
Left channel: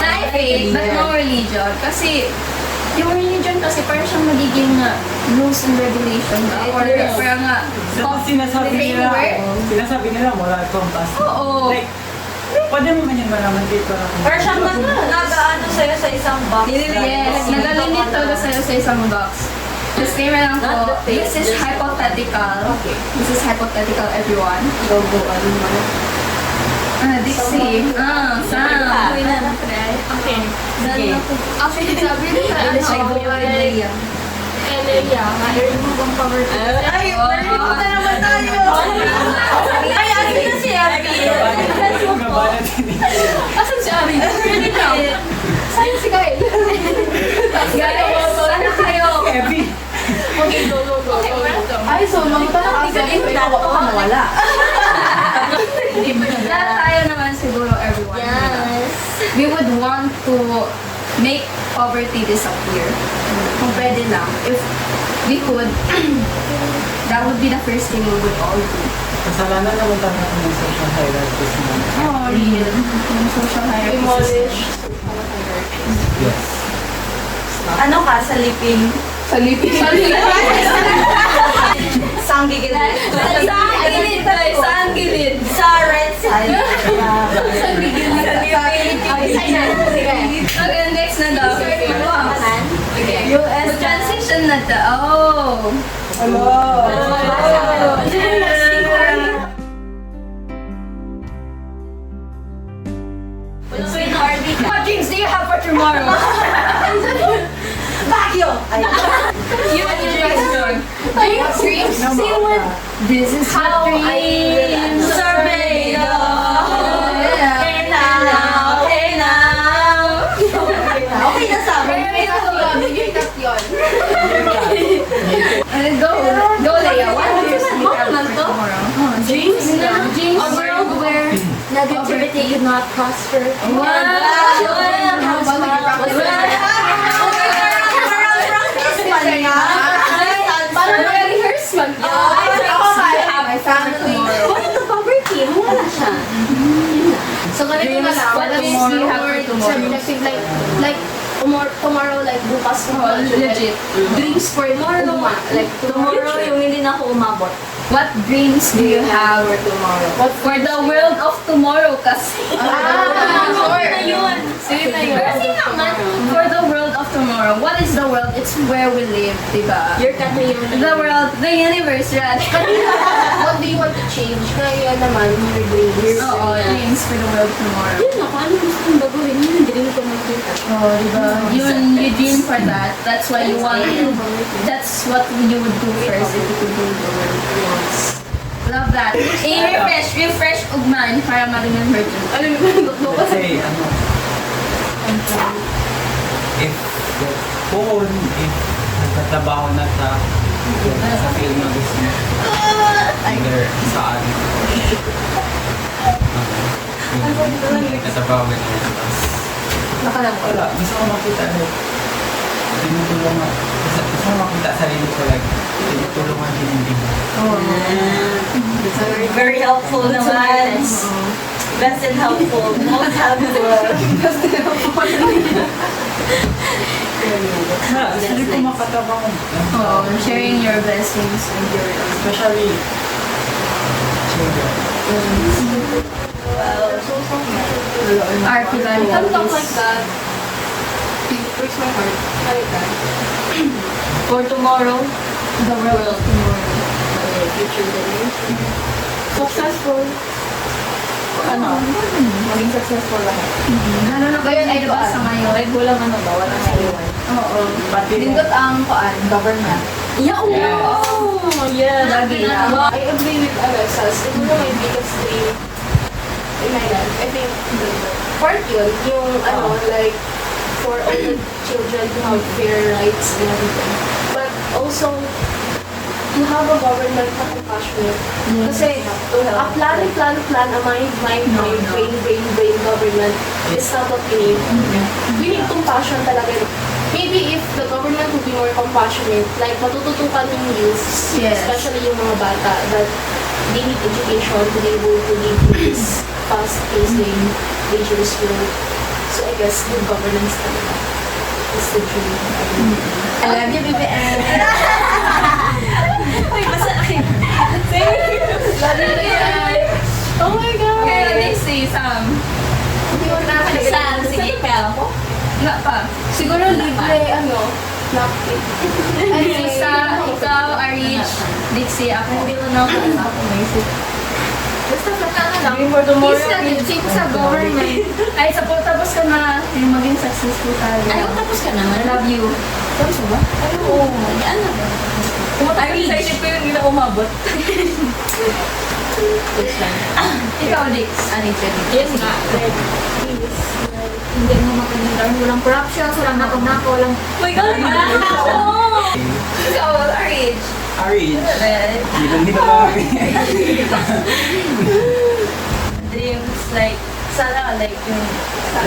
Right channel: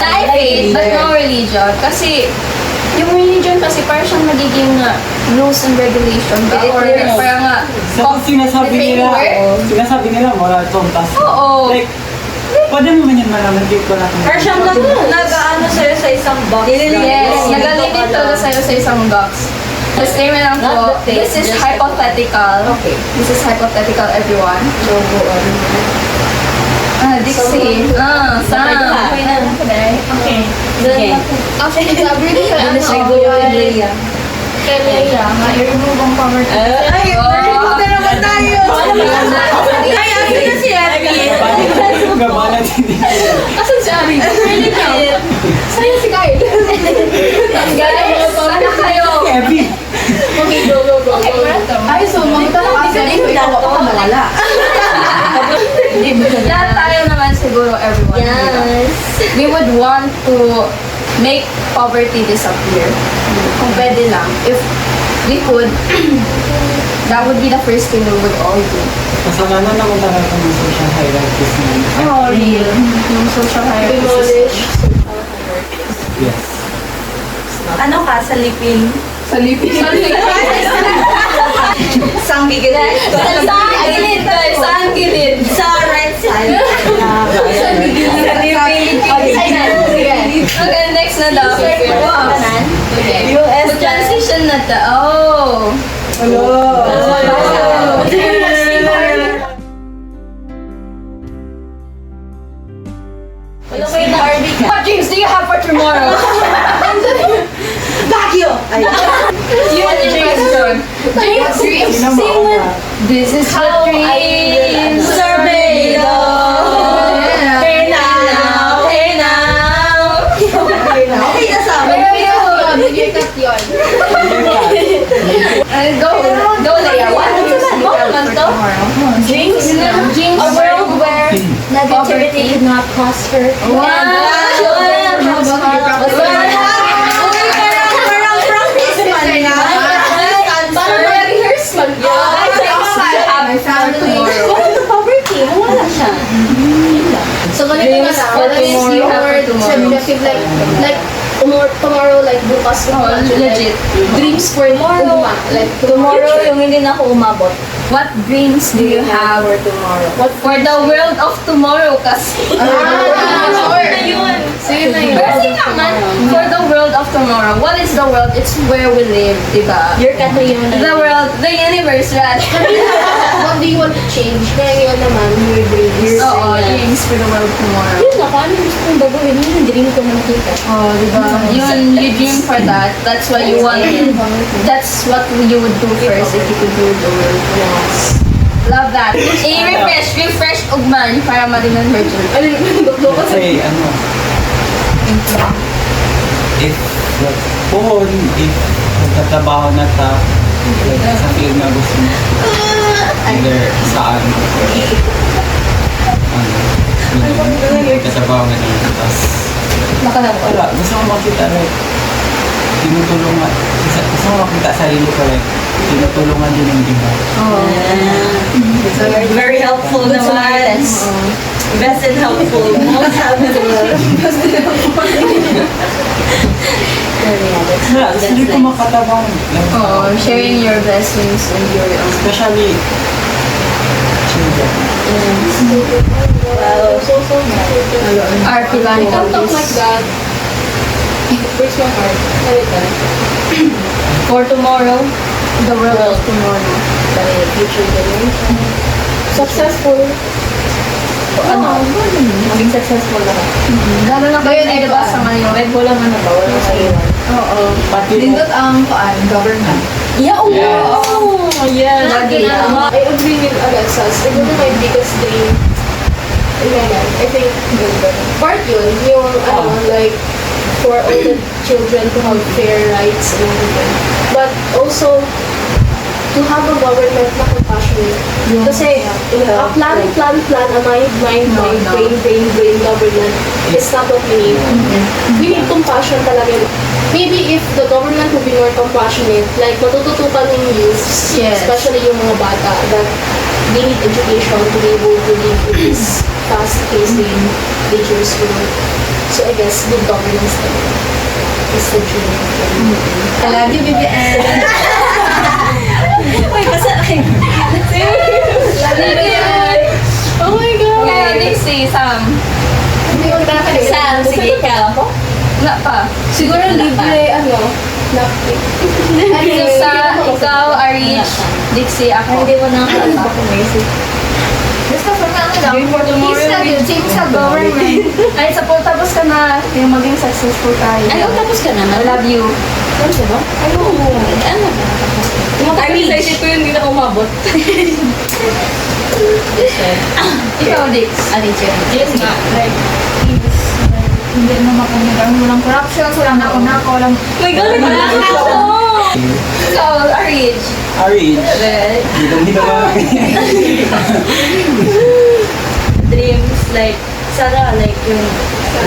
Not faith, but no religion. Kasi, yung religion kasi parang siyang magiging rules and regulation ba? Or parang Sinasabi nila moral compass. Oo. Like, pwede mo man yun malaman dito na. Or siyang nag-ano sa'yo sa isang box. Yes, nagalimit talaga sa'yo sa isang box. Disclaimer lang po, Not the faith, this is just- hypothetical. Okay. This is hypothetical, everyone. Dixie. Sam. Okay. Actually, sabi nila, Leia. kay Leia, i-remove ang poverty. Ay, na naman tayo! Ay, ate na si Ate. Gabana din. Asan si Ari? Sa'yo si Kyle. Guys, sana kayo. Heavy. Ay, so magkakakas kami so ikaw ako wala. Lahat tayo naman siguro, everyone. Yes. We would want to make poverty disappear. Kung pwede lang. If we could, that would be the first thing we would all do. Kasalanan naman talaga ng social hierarchies mo. Oh, real. Yung social hierarchy Demolish. Yes. Ano ka, sa liping? Salipin. ang gigilid. Saan gilid, guys? Saan gilid? Sa right side. Okay, next na daw. US transition na to. Oh. What dreams do you have for tomorrow? Baguio! What question? Dreams. Sing with. This is how dreams are made of. Hey now, hey now. Okay na sa amin. Go, Leia. What dreams do you have for tomorrow? Dreams? A world where negativity could not prosper. My family. Poverty, wala siya. So, ganito Dreams na, for what is tomorrow. your definitive, like, tomorrow, like, bukas, Oh, legit. dreams for tomorrow, like, Tomorrow, yung hindi na ako umabot. What dreams do you have for tomorrow. What for the world of tomorrow? Kasi Kasi naman, for the world of tomorrow, what is the world? It's where we live, diba? Your country yung The world, the universe, right? What do you want to change? Kaya yun naman, your dreams. Oo, dreams for the world tomorrow. Yun ako, ano gusto kong baguhin? Yun yung dream ko na makita. Oh, diba? You dream for that. That's why you want it. That's what you would do first if you could do the world. Love that. Refresh ugman para ma-remember dyan. Kasi if nagtatrabaho na sa field na gusto mo, either saan nagtatrabaho ka naman, tapos wala, gusto ko makita like tinutulungan, gusto ko makita sarili ko like tinutulungan din yung iba. Very helpful naman. Best and helpful. Most helpful. Wala, gusto rin ko makatrabaho. Oh, sharing your blessings and your Especially children. Wow, so nice. our Don't talk like philanthropies. that. Breaks my heart. For tomorrow, The world of tomorrow. the future generation. Successful. Maging successful lahat. Lalo na kayo na diba sa ngayon? Like, walang bawal sa iwan. Oo. Pati mo, Nindot ang government. Yeah, oo. Yes. Yeah. Lagi. I agree with Alexa's. Siguro my biggest dream in my life, I think, part yun, yung, like, for all the children to have fair rights and everything. But also, to have a government na compassionate. Kasi, a plan, a mind, brain government is not what we need. We need compassion talaga. Maybe if the government would be more compassionate, like matututukan yung youths, Yes. especially yung mga bata, that they need education to be able to live in this fast-paced and dangerous world. So I guess good governance talaga is the dream. I love you, BBN. Oh my God! Kaya Dixie, Sam. Sam, sige ka. Wala pa. Siguro libre, laptop. Ikaw, Arich, Dixie, ako. Hindi ko na ako basic. Basta for nga Dream for tomorrow. peace na yun, change sa government. Ay, tapos ka na. Yung maging successful tayo. Ano, tapos ka naman? I love you. Tapos ba? Ano? Ano ba? Sa isip ko yun, hindi na umabot. Ikaw, Dix. Ano yung check? Yes nga. Like, peace. Like, hindi mo makanilang, walang corruption, walang nauna-ko, walang... My God, wala ako! Ikaw, Arich. Orange. Hindi ba? Dreams, like, sana, like, yung,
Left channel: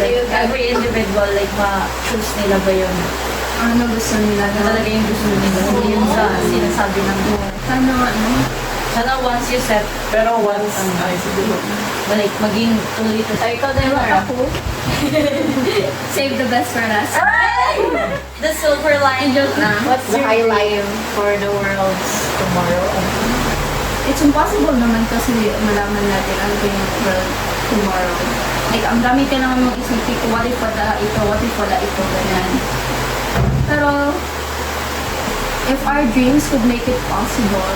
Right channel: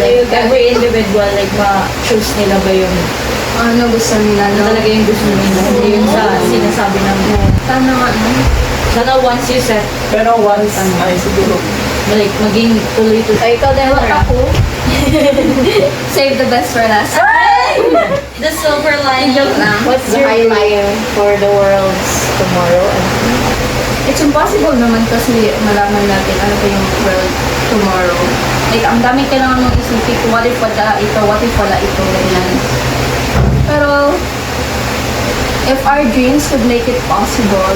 like, every individual, like, ma-choose nila ba yung, Ano gusto nila na? talaga yung gusto nila. Hindi yung sa sinasabi ng, Sana nga, no? sana once you set, Pero once, ay siguro, like, maging tuloy-tuloy. Ay, ikaw din, ako. Save the best for last. The silver lining. Joke lang. What's the highlight for the world's tomorrow? It's impossible naman kasi malaman natin ano ba yung world tomorrow. Like, ang dami kailangan mong isipin, what if wala ito, what if wala ito, ganyan. Pero, if our dreams could make it possible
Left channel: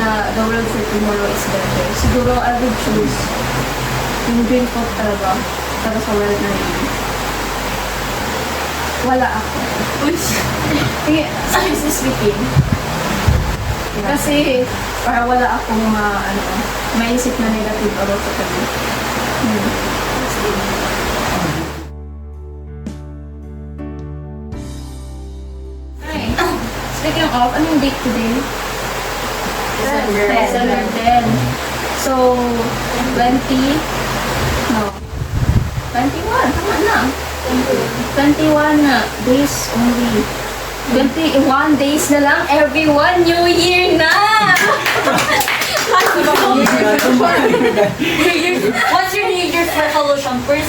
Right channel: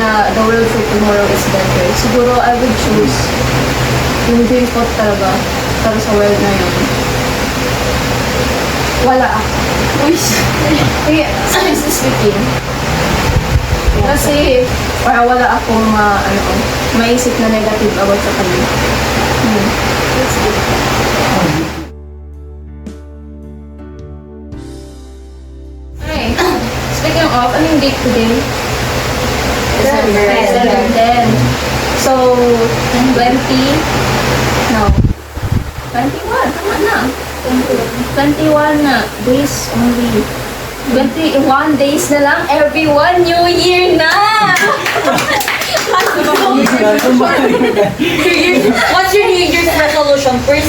na the world for tomorrow is better, siguro I would choose yung dream ko talaga para sa world na yun. Wala ako. Uy, seriously speaking. Kasi, para wala akong maisip na negative about sa kanya. Okay. Speaking of, anong date today? December 10. So, 20, no, 21, tama na. 21 na days only. 21 days na lang, everyone, New Year na! What's your New Year's resolution? Please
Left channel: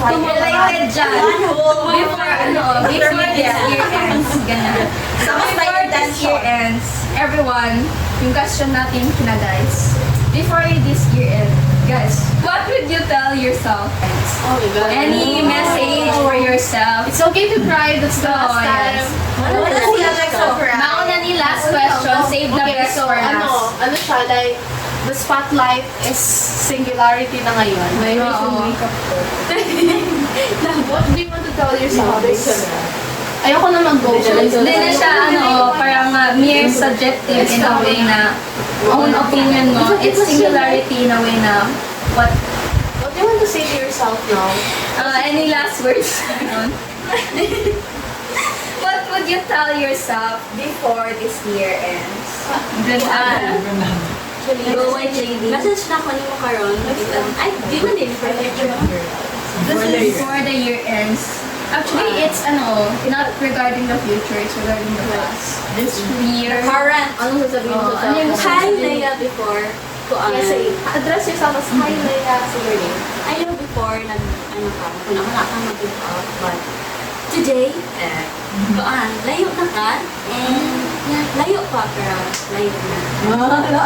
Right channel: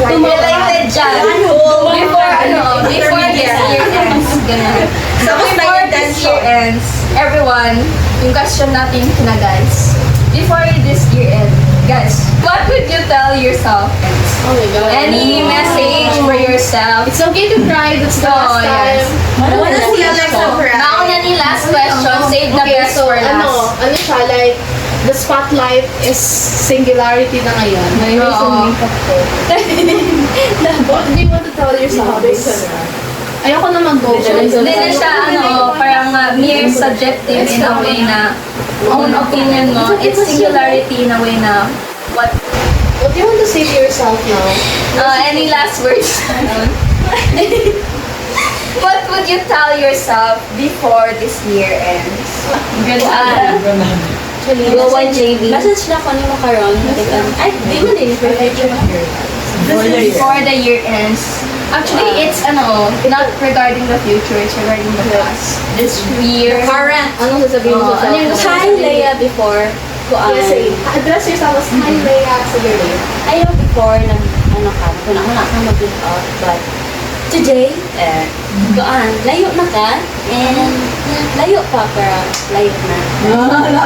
write it Related dyan. Before this year ends. Ganun. So, before this year ends, everyone, yung question natin na guys, before this year ends, guys, what would you tell yourself? Oh my God. Any message for yourself? It's okay to cry. That's the last yes. time. Nauna ni last question, save the Okay, best so for last. ano siya, like, the spotlight is singularity na ngayon. Oo. What do you want to tell yourself? Ayoko na mag-go. Hindi na siya, parang mere subjective in a way na own opinion mo. It's singularity in a way na what What do you want to say to yourself now? any last words? What would you tell yourself before this year ends? Good Actually, go by JB. Message na ko ni mo karon. Ay, di mo din. Before the year ends. Actually, it's not regarding the future, it's regarding the past. This year. Current. Anong sasabihin mo sa ano yung Hi, Leia, before. Kuan. Say, address yourself as Hi, Leia. Sige, Leia. Ayaw before ng kung wala kang mag-build out, but today, kuan, layo na ka, and layo pa, pero layo na.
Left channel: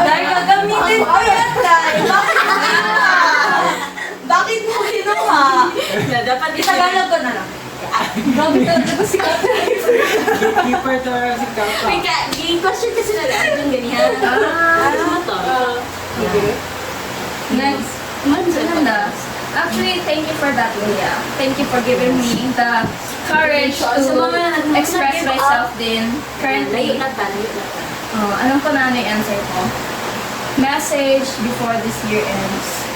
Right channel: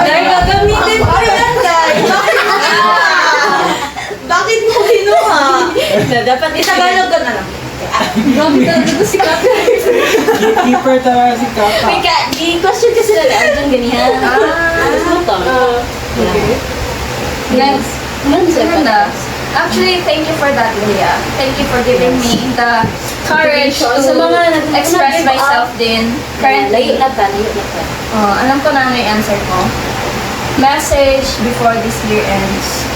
Dahil gagamitin ko yan, guys. Bakit mo kinuha? Dapat itagalog ka na lang. Grabe talaga ito si copyright. Gatekeeper talaga si Kaka. May question kasi na lang ng ganyan. Ito. Okay. Next. Maganda. Actually, thank you for that, Leah. Thank you for giving me the courage to Sa mga express nag-give myself din. Layo Currently, na ta, layo na ta. alam ko na ano yung answer ko. Message before this year ends.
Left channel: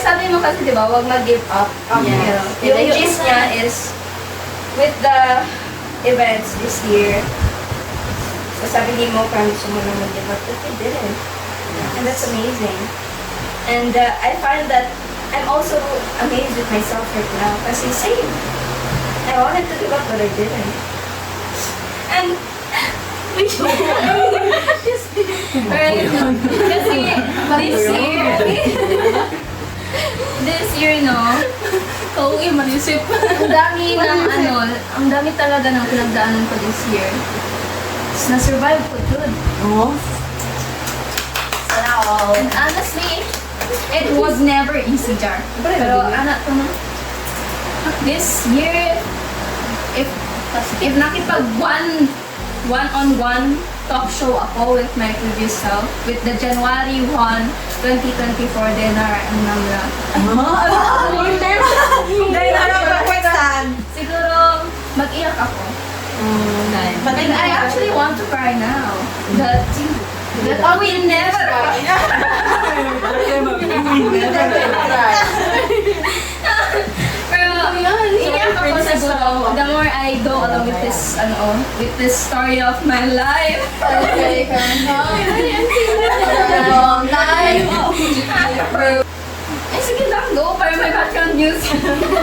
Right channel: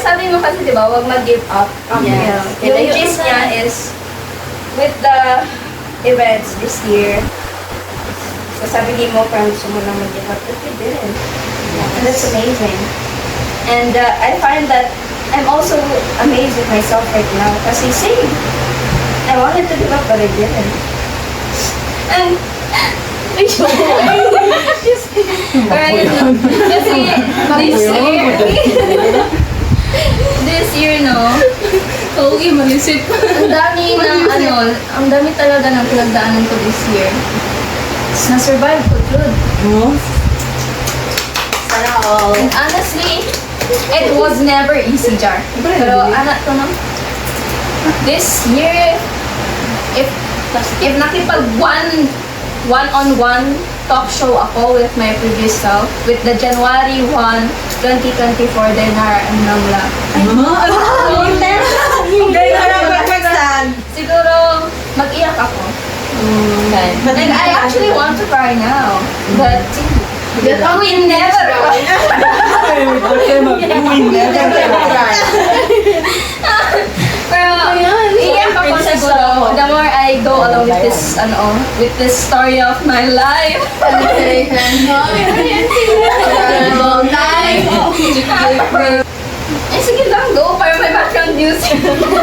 Sabi mo kasi, di ba, huwag mag-give up. Yes. Yung gist niya is, with the events this year, so sabi mo, parang gusto mo lang mag-give up, but you didn't. And that's amazing. And I find that I'm also amazed with myself right now kasi same. I wanted to give up but I didn't. And this year, no? Okay, manisip. Ang dami talaga ng pinagdaanan ko this year. Na-survive ko, good. Sana all. And honestly, it was never easy, Jar. Pero, to no? This year, if nakipag one-on-one talk show ako with my previous self, with the January 1, 2024 Denara. Siguro, mag-iyak ako. And I actually want to cry now. But, we never cry. Pero, iyak ako siguro. The more I go along with this story of my life. Sige lang, go para may background music.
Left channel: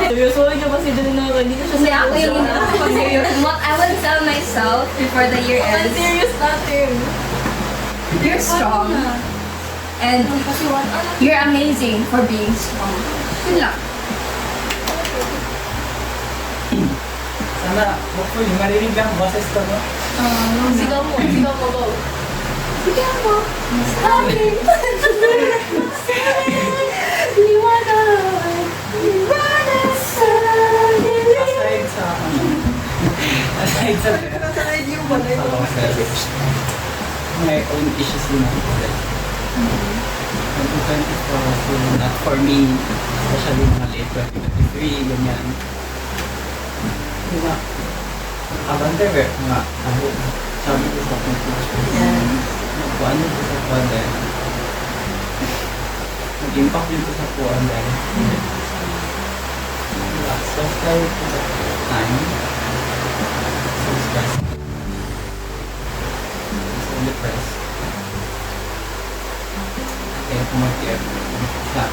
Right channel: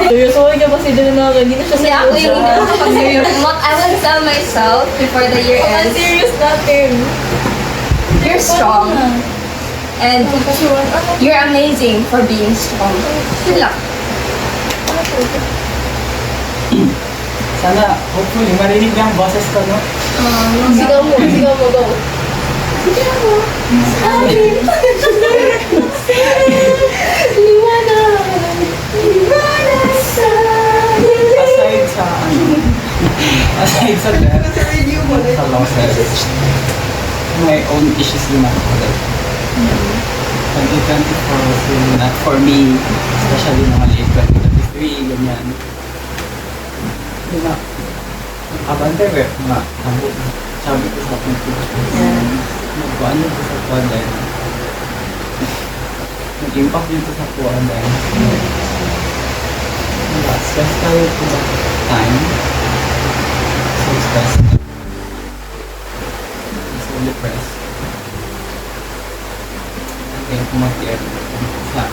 Seryoso niya kasi doon na ako. Hindi na siya Hindi ako yung hindi ako serious. What I will tell myself before the year ends, serious natin. you're strong. And you're amazing for being strong. Yun lang. Sana, hopefully, marinig ang boses ko, no? Sigaw mo, go. Aside sa, aside sa death, sa losses, my own issues din ako. Like, 2024 was really not for me, especially mga late 2023, ganyan. Hindi na, abante mga abo, sabi ko sa aking nagkuhan dito sa kuhan dahil nag-impact dito sa kuhan dahil stress tayo po sa time, so stressed, so depressed. Kaya kumapir siya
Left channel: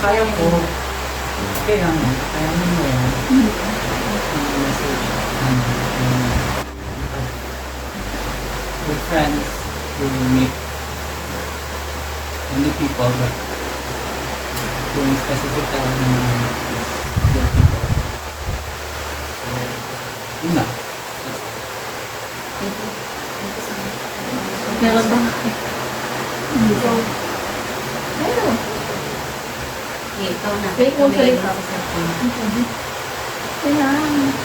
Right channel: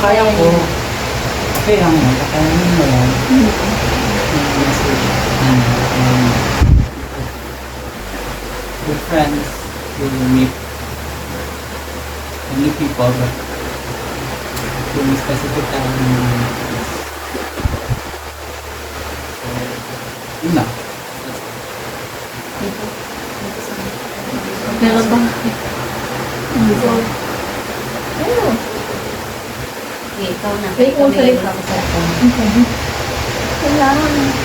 kaya ko okay lang mo, kaya mo lang yung message with friends you will meet many people but yung specific yun na. Meron ba? Ikaw na. May kung Kami salita. ako sa phone. Wala.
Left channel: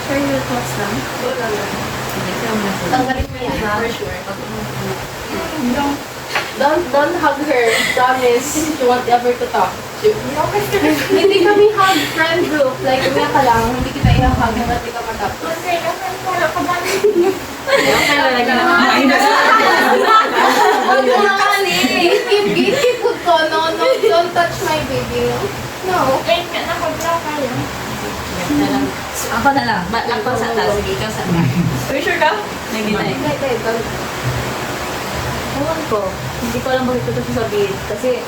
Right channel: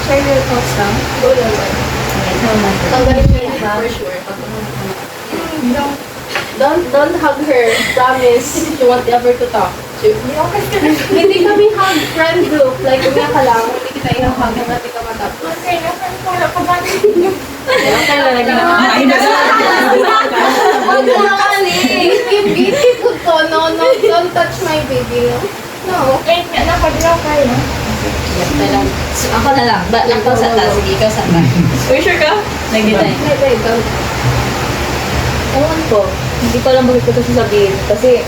Share your thoughts lang. Go lang lang. Ikaw na. Tanggalin mo yun for sure. Don't hug her. Promise. You won't ever to talk. Hindi kami hug friend group. Like, umiyak ka lang. Hindi kita i-hug. Hindi ka matapos. Keep good to. No, don't touch my baby, no? No. So, ako na lang. Ba't lang ko sa taas? Sige, ikaw sa taas. Uy, sure ka? Lagi tayo. Wait, don't. Ewan ko. Hindi ko alam bakit ko ito sasabihin. Kasi,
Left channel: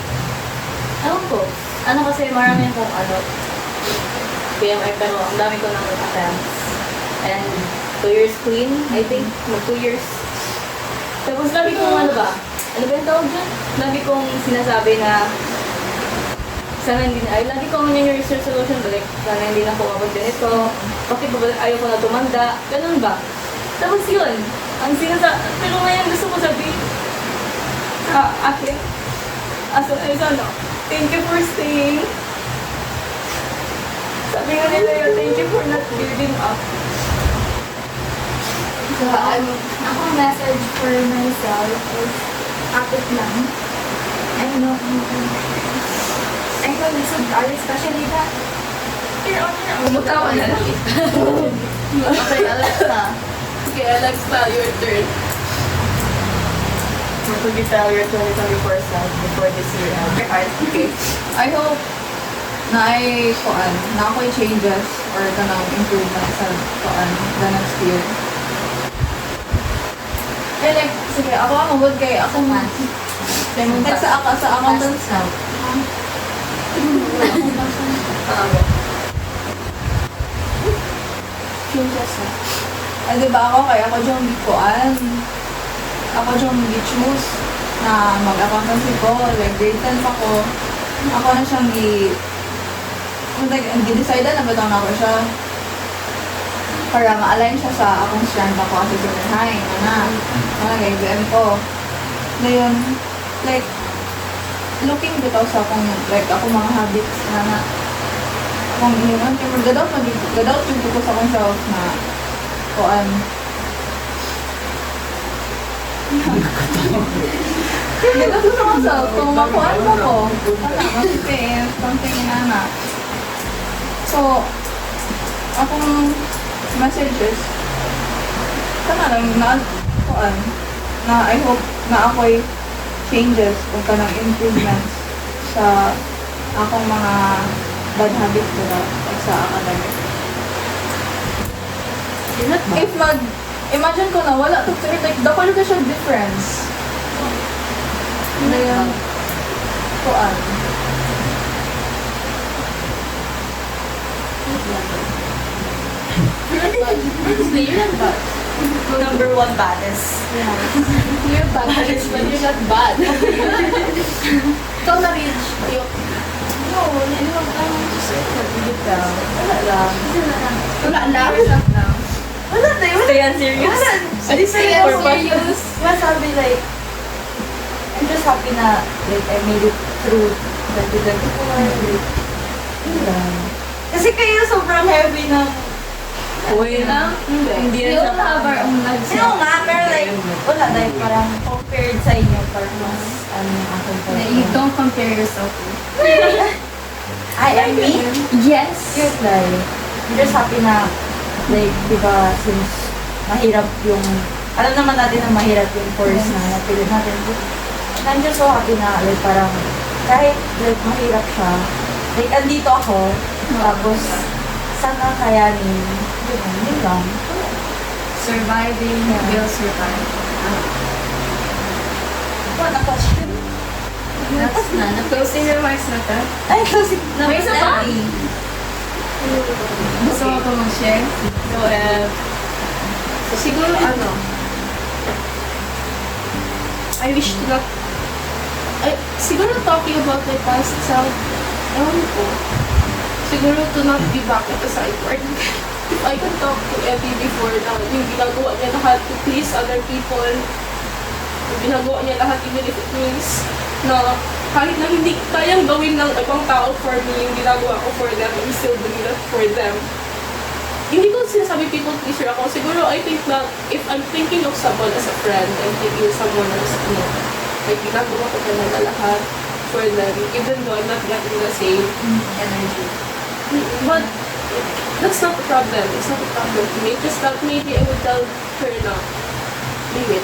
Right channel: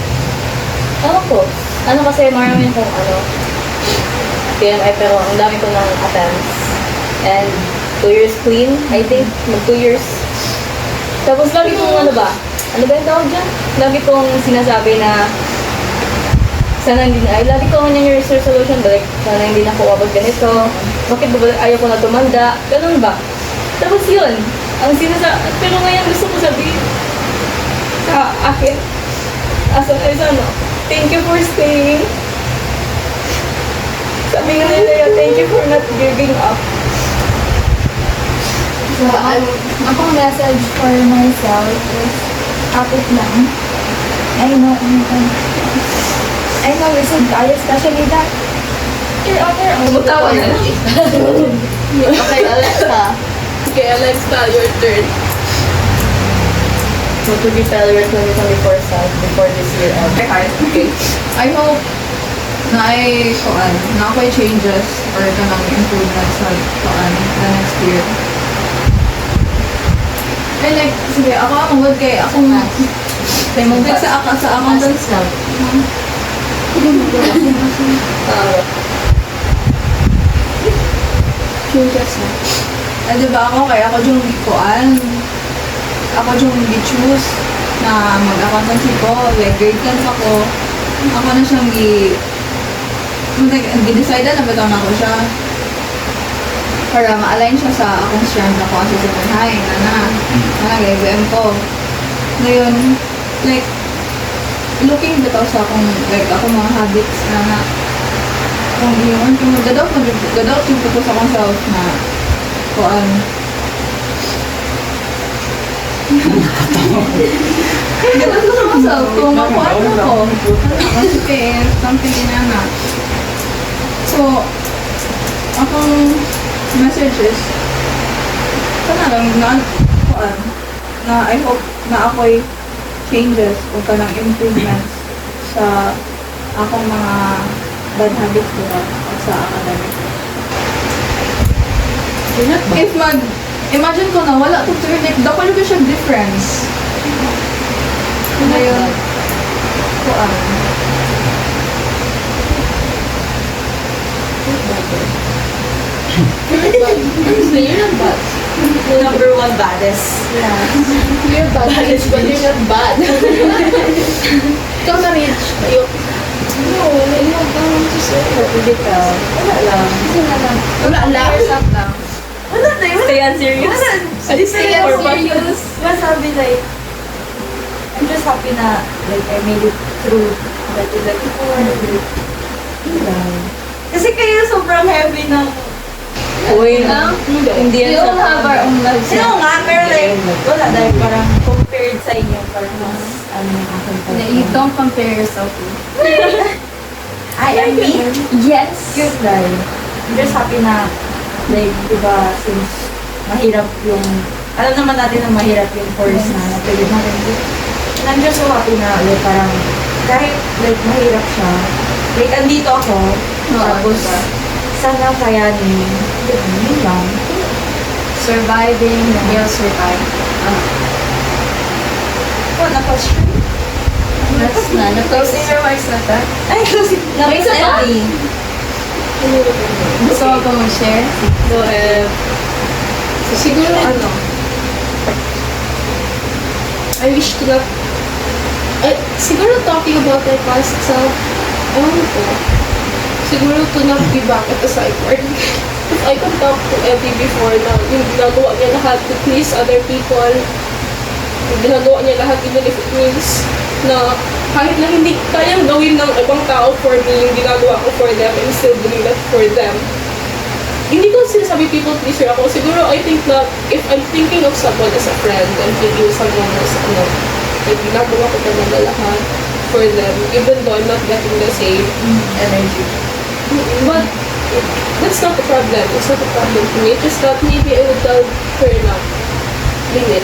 ewan ko. Ano kasi, marami akong PMI, pero ang dami ko ng attempts. And 2 years clean, I think. Mag 2 years. Tapos lagi kong ano ba yung tawag dyan? Lagi kong sinasabi na sana hindi na, lagi ko yung New Year's resolution, like, sana hindi na ako abot ganito. Bakit ba ayaw ko na tumanda? Ganun ba? Tapos yun, ang pero ngayon gusto ko sabihin sa akin, as ano, thank you for staying. Sabi nga nila, thank you for not giving up. So, akong message for myself is, kapit lang. I know it's so bad, especially that you're on your own. Bumutawa na lang. Okay, Alexa. Okay, Alexa, your turn. What would you tell your 2024 self before this year ends? Okay. I hope na ako'y changes or ganang improvements sa the next year. I like, sige, ako ang good kay ako like sa accountants na. Changes na. Diba ako, kaya ako yung kuan. Ako yung choose na mag-accountancy ko, like grade 10 ako. Ako na siyang gi-decide na bitaw na ako siya. Para ma-align siya sa akong strand ako kasi sa Pinay, nag-exam ko. Ngayon, like, looking bitaw sa akong, like, ako mga habits na kung yun, gadaw yung ko sa akong self na kuan. Gadaw sa akong self, kung makuan ako, sige, something inana. So, akong message is, sana lang na I hope na ako'y changes o kanang improvements sa akong mga bad habits ko sa academic. If imagine ko na wala to turn, like, dako ka siya difference. Na yun, kuan. Honestly, you're not bad. Number 1 baddest. Yeah. You're bad, but you're not bad. Ikaw na rich. naiyak ka lang to say. Bitaw. Wala lang. Wala lang. lang. Stay on serious. Stay on serious. Sabi like, I'm just happy na like I made it through that like before. Kasi kaya sobrang heavy na. Uy, hindi We yan all have our own lives. Sino nga, pero like, wala dahil parang compared sa inyo for mas, ano yung aking You don't compare yourself to. I me? Yes. Cute, right? I'm just happy na, like, diba, since mahirap yung, alam naman natin na mahirap yung course na napili natin. And I'm just so happy na, like, parang, kahit, like, mahirap siya, like, andito ako, tapos, sana kayanin, yun lang. Surviving, will survive. What, na-question? That's na. Closing remarks na ta. Ay, kasi, May isa pa? Gusto mo pa mag-share? So, siguro ano, I wish to not, siguro talking about my past self, ewan ko, siguro to not be back at the psych ward. If I can talk to Evie before na yung ginagawa niya lahat to please other people, yung ginagawa niya lahat even if it means na kahit na hindi kayang gawin ng ibang tao for me, yung ginagawa ko for them, I'm still doing that for them. Hindi ko sinasabi people pleaser ako. Siguro I think na if I'm thinking of someone as a friend and thinking someone as ano, like ginagawa ko talaga lahat for them, even though I'm not getting the same energy. But that's not the problem. It's not a problem for me. It's just that maybe I would tell her na limit.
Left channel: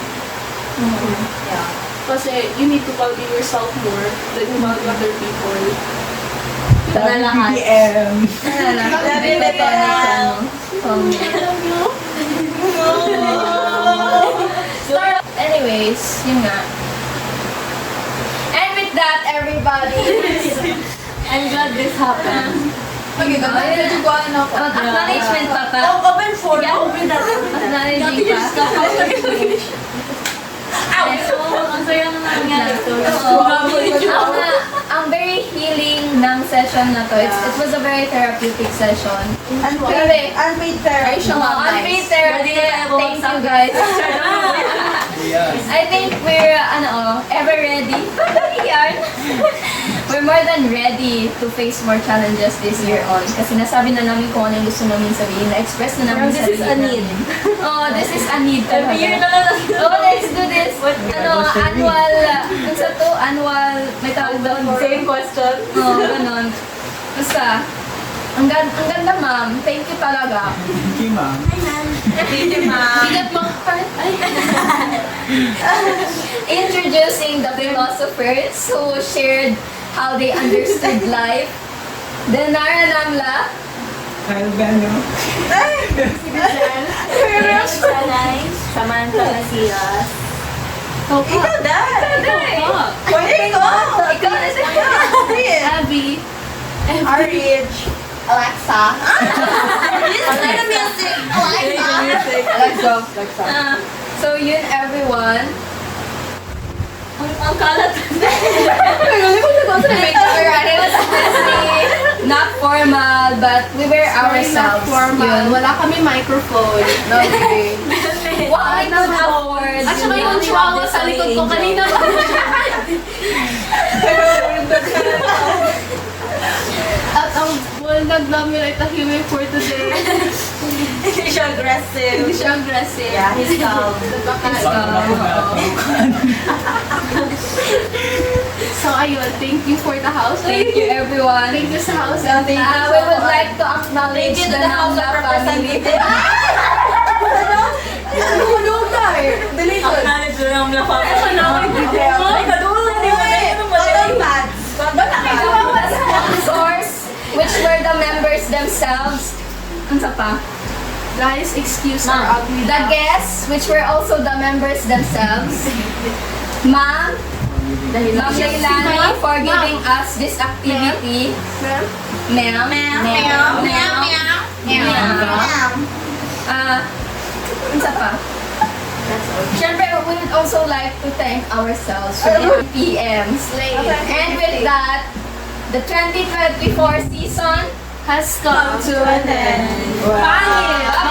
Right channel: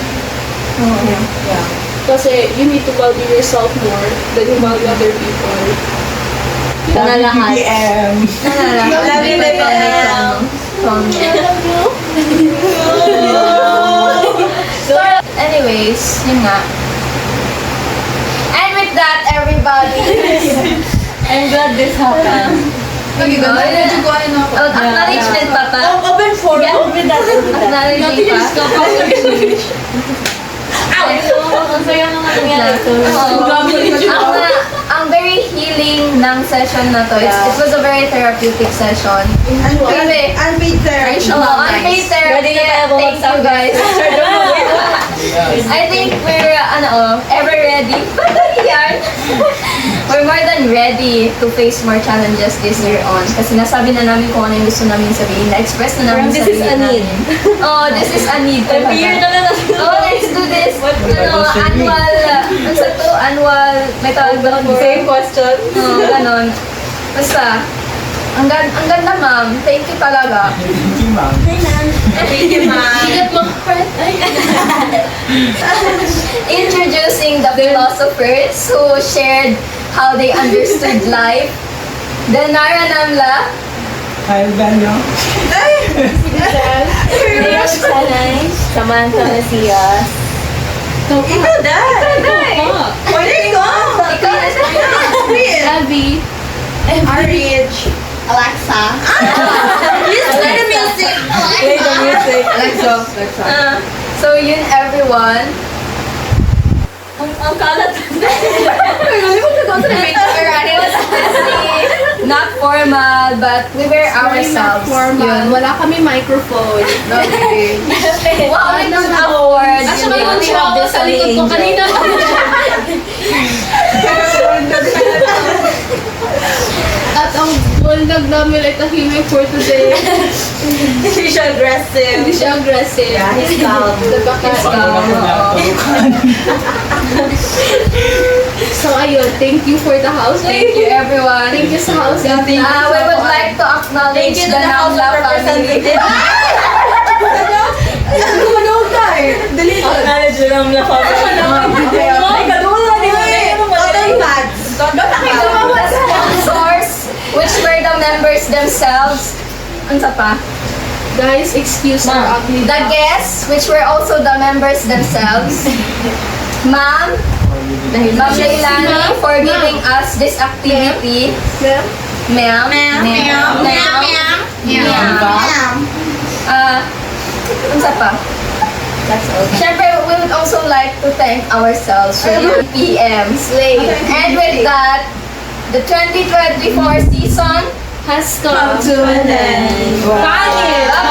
yeah. Kasi you need to value yourself more than you value other people. Na lahat. BBM! Loving the girl. So, anyways, yun nga. And with that, everybody, I'm glad this happened. Pagi ba? Medyo ko ano ako. Oh, acknowledgement pa pa? Open for open that. Acknowledging pa? Ang saya nga nangyari. Ang very healing ng session na to. It was a very therapeutic session. Grabe. Unpaid therapy. Unpaid therapy. Thank you guys. I think we're ever ready. We're more than ready to face more challenges this year on. Kasi nasabi na namin kung ano yung gusto namin sabihin. Na-express na namin This is sarili a need. namin. Oh, this is a need talaga. Every year na lang natin. Oh, let's do this. Annual, may tawag doon. Same question. Oh, ganon. Basta, ang ganda ma'am. Thank you talaga. Thank you, ma'am. Thank you, ma'am. Introducing the philosophers who shared how they understood life. Denara Namla, Kyle Banyo. Sanay, Samantha Macias. Ikaw dahil. Pwede ko. ikaw na siya. Abby. RH. Alexa. Play the music. Play the music. Alexa. So yun everyone. Ang kalat. It was honestly not formal, but we were ourselves. Formal. Yun. Wala kami microphone. No, okay. Wow, it's awkward. At saka You yung know, shower sa likod ko kanina. At ang bulldog namin ay tahimik for today. Hindi siya aggressive. Hindi siya aggressive. Yeah, he's calm. Paano ako natutukan? So ayun, thank you for the house. Thank you everyone. Thank you sa house. We would like to acknowledge the Namla family. Tulog tayo. Dali ko. Acknowledge na lang na Ay, kadula, di ba? Ano ba? The sponsors, which were the members themselves. Ano sa pa? Guys, excuse our ugly. The guests, which were also the members themselves. Ma'am, Ma'am Leilani, for giving us this activity. Ma'am? Ma'am. Ano sa pa? Siyempre, we would also like to thank ourselves for the PMs. And with that, The 2024 season has come to an end. Pangit!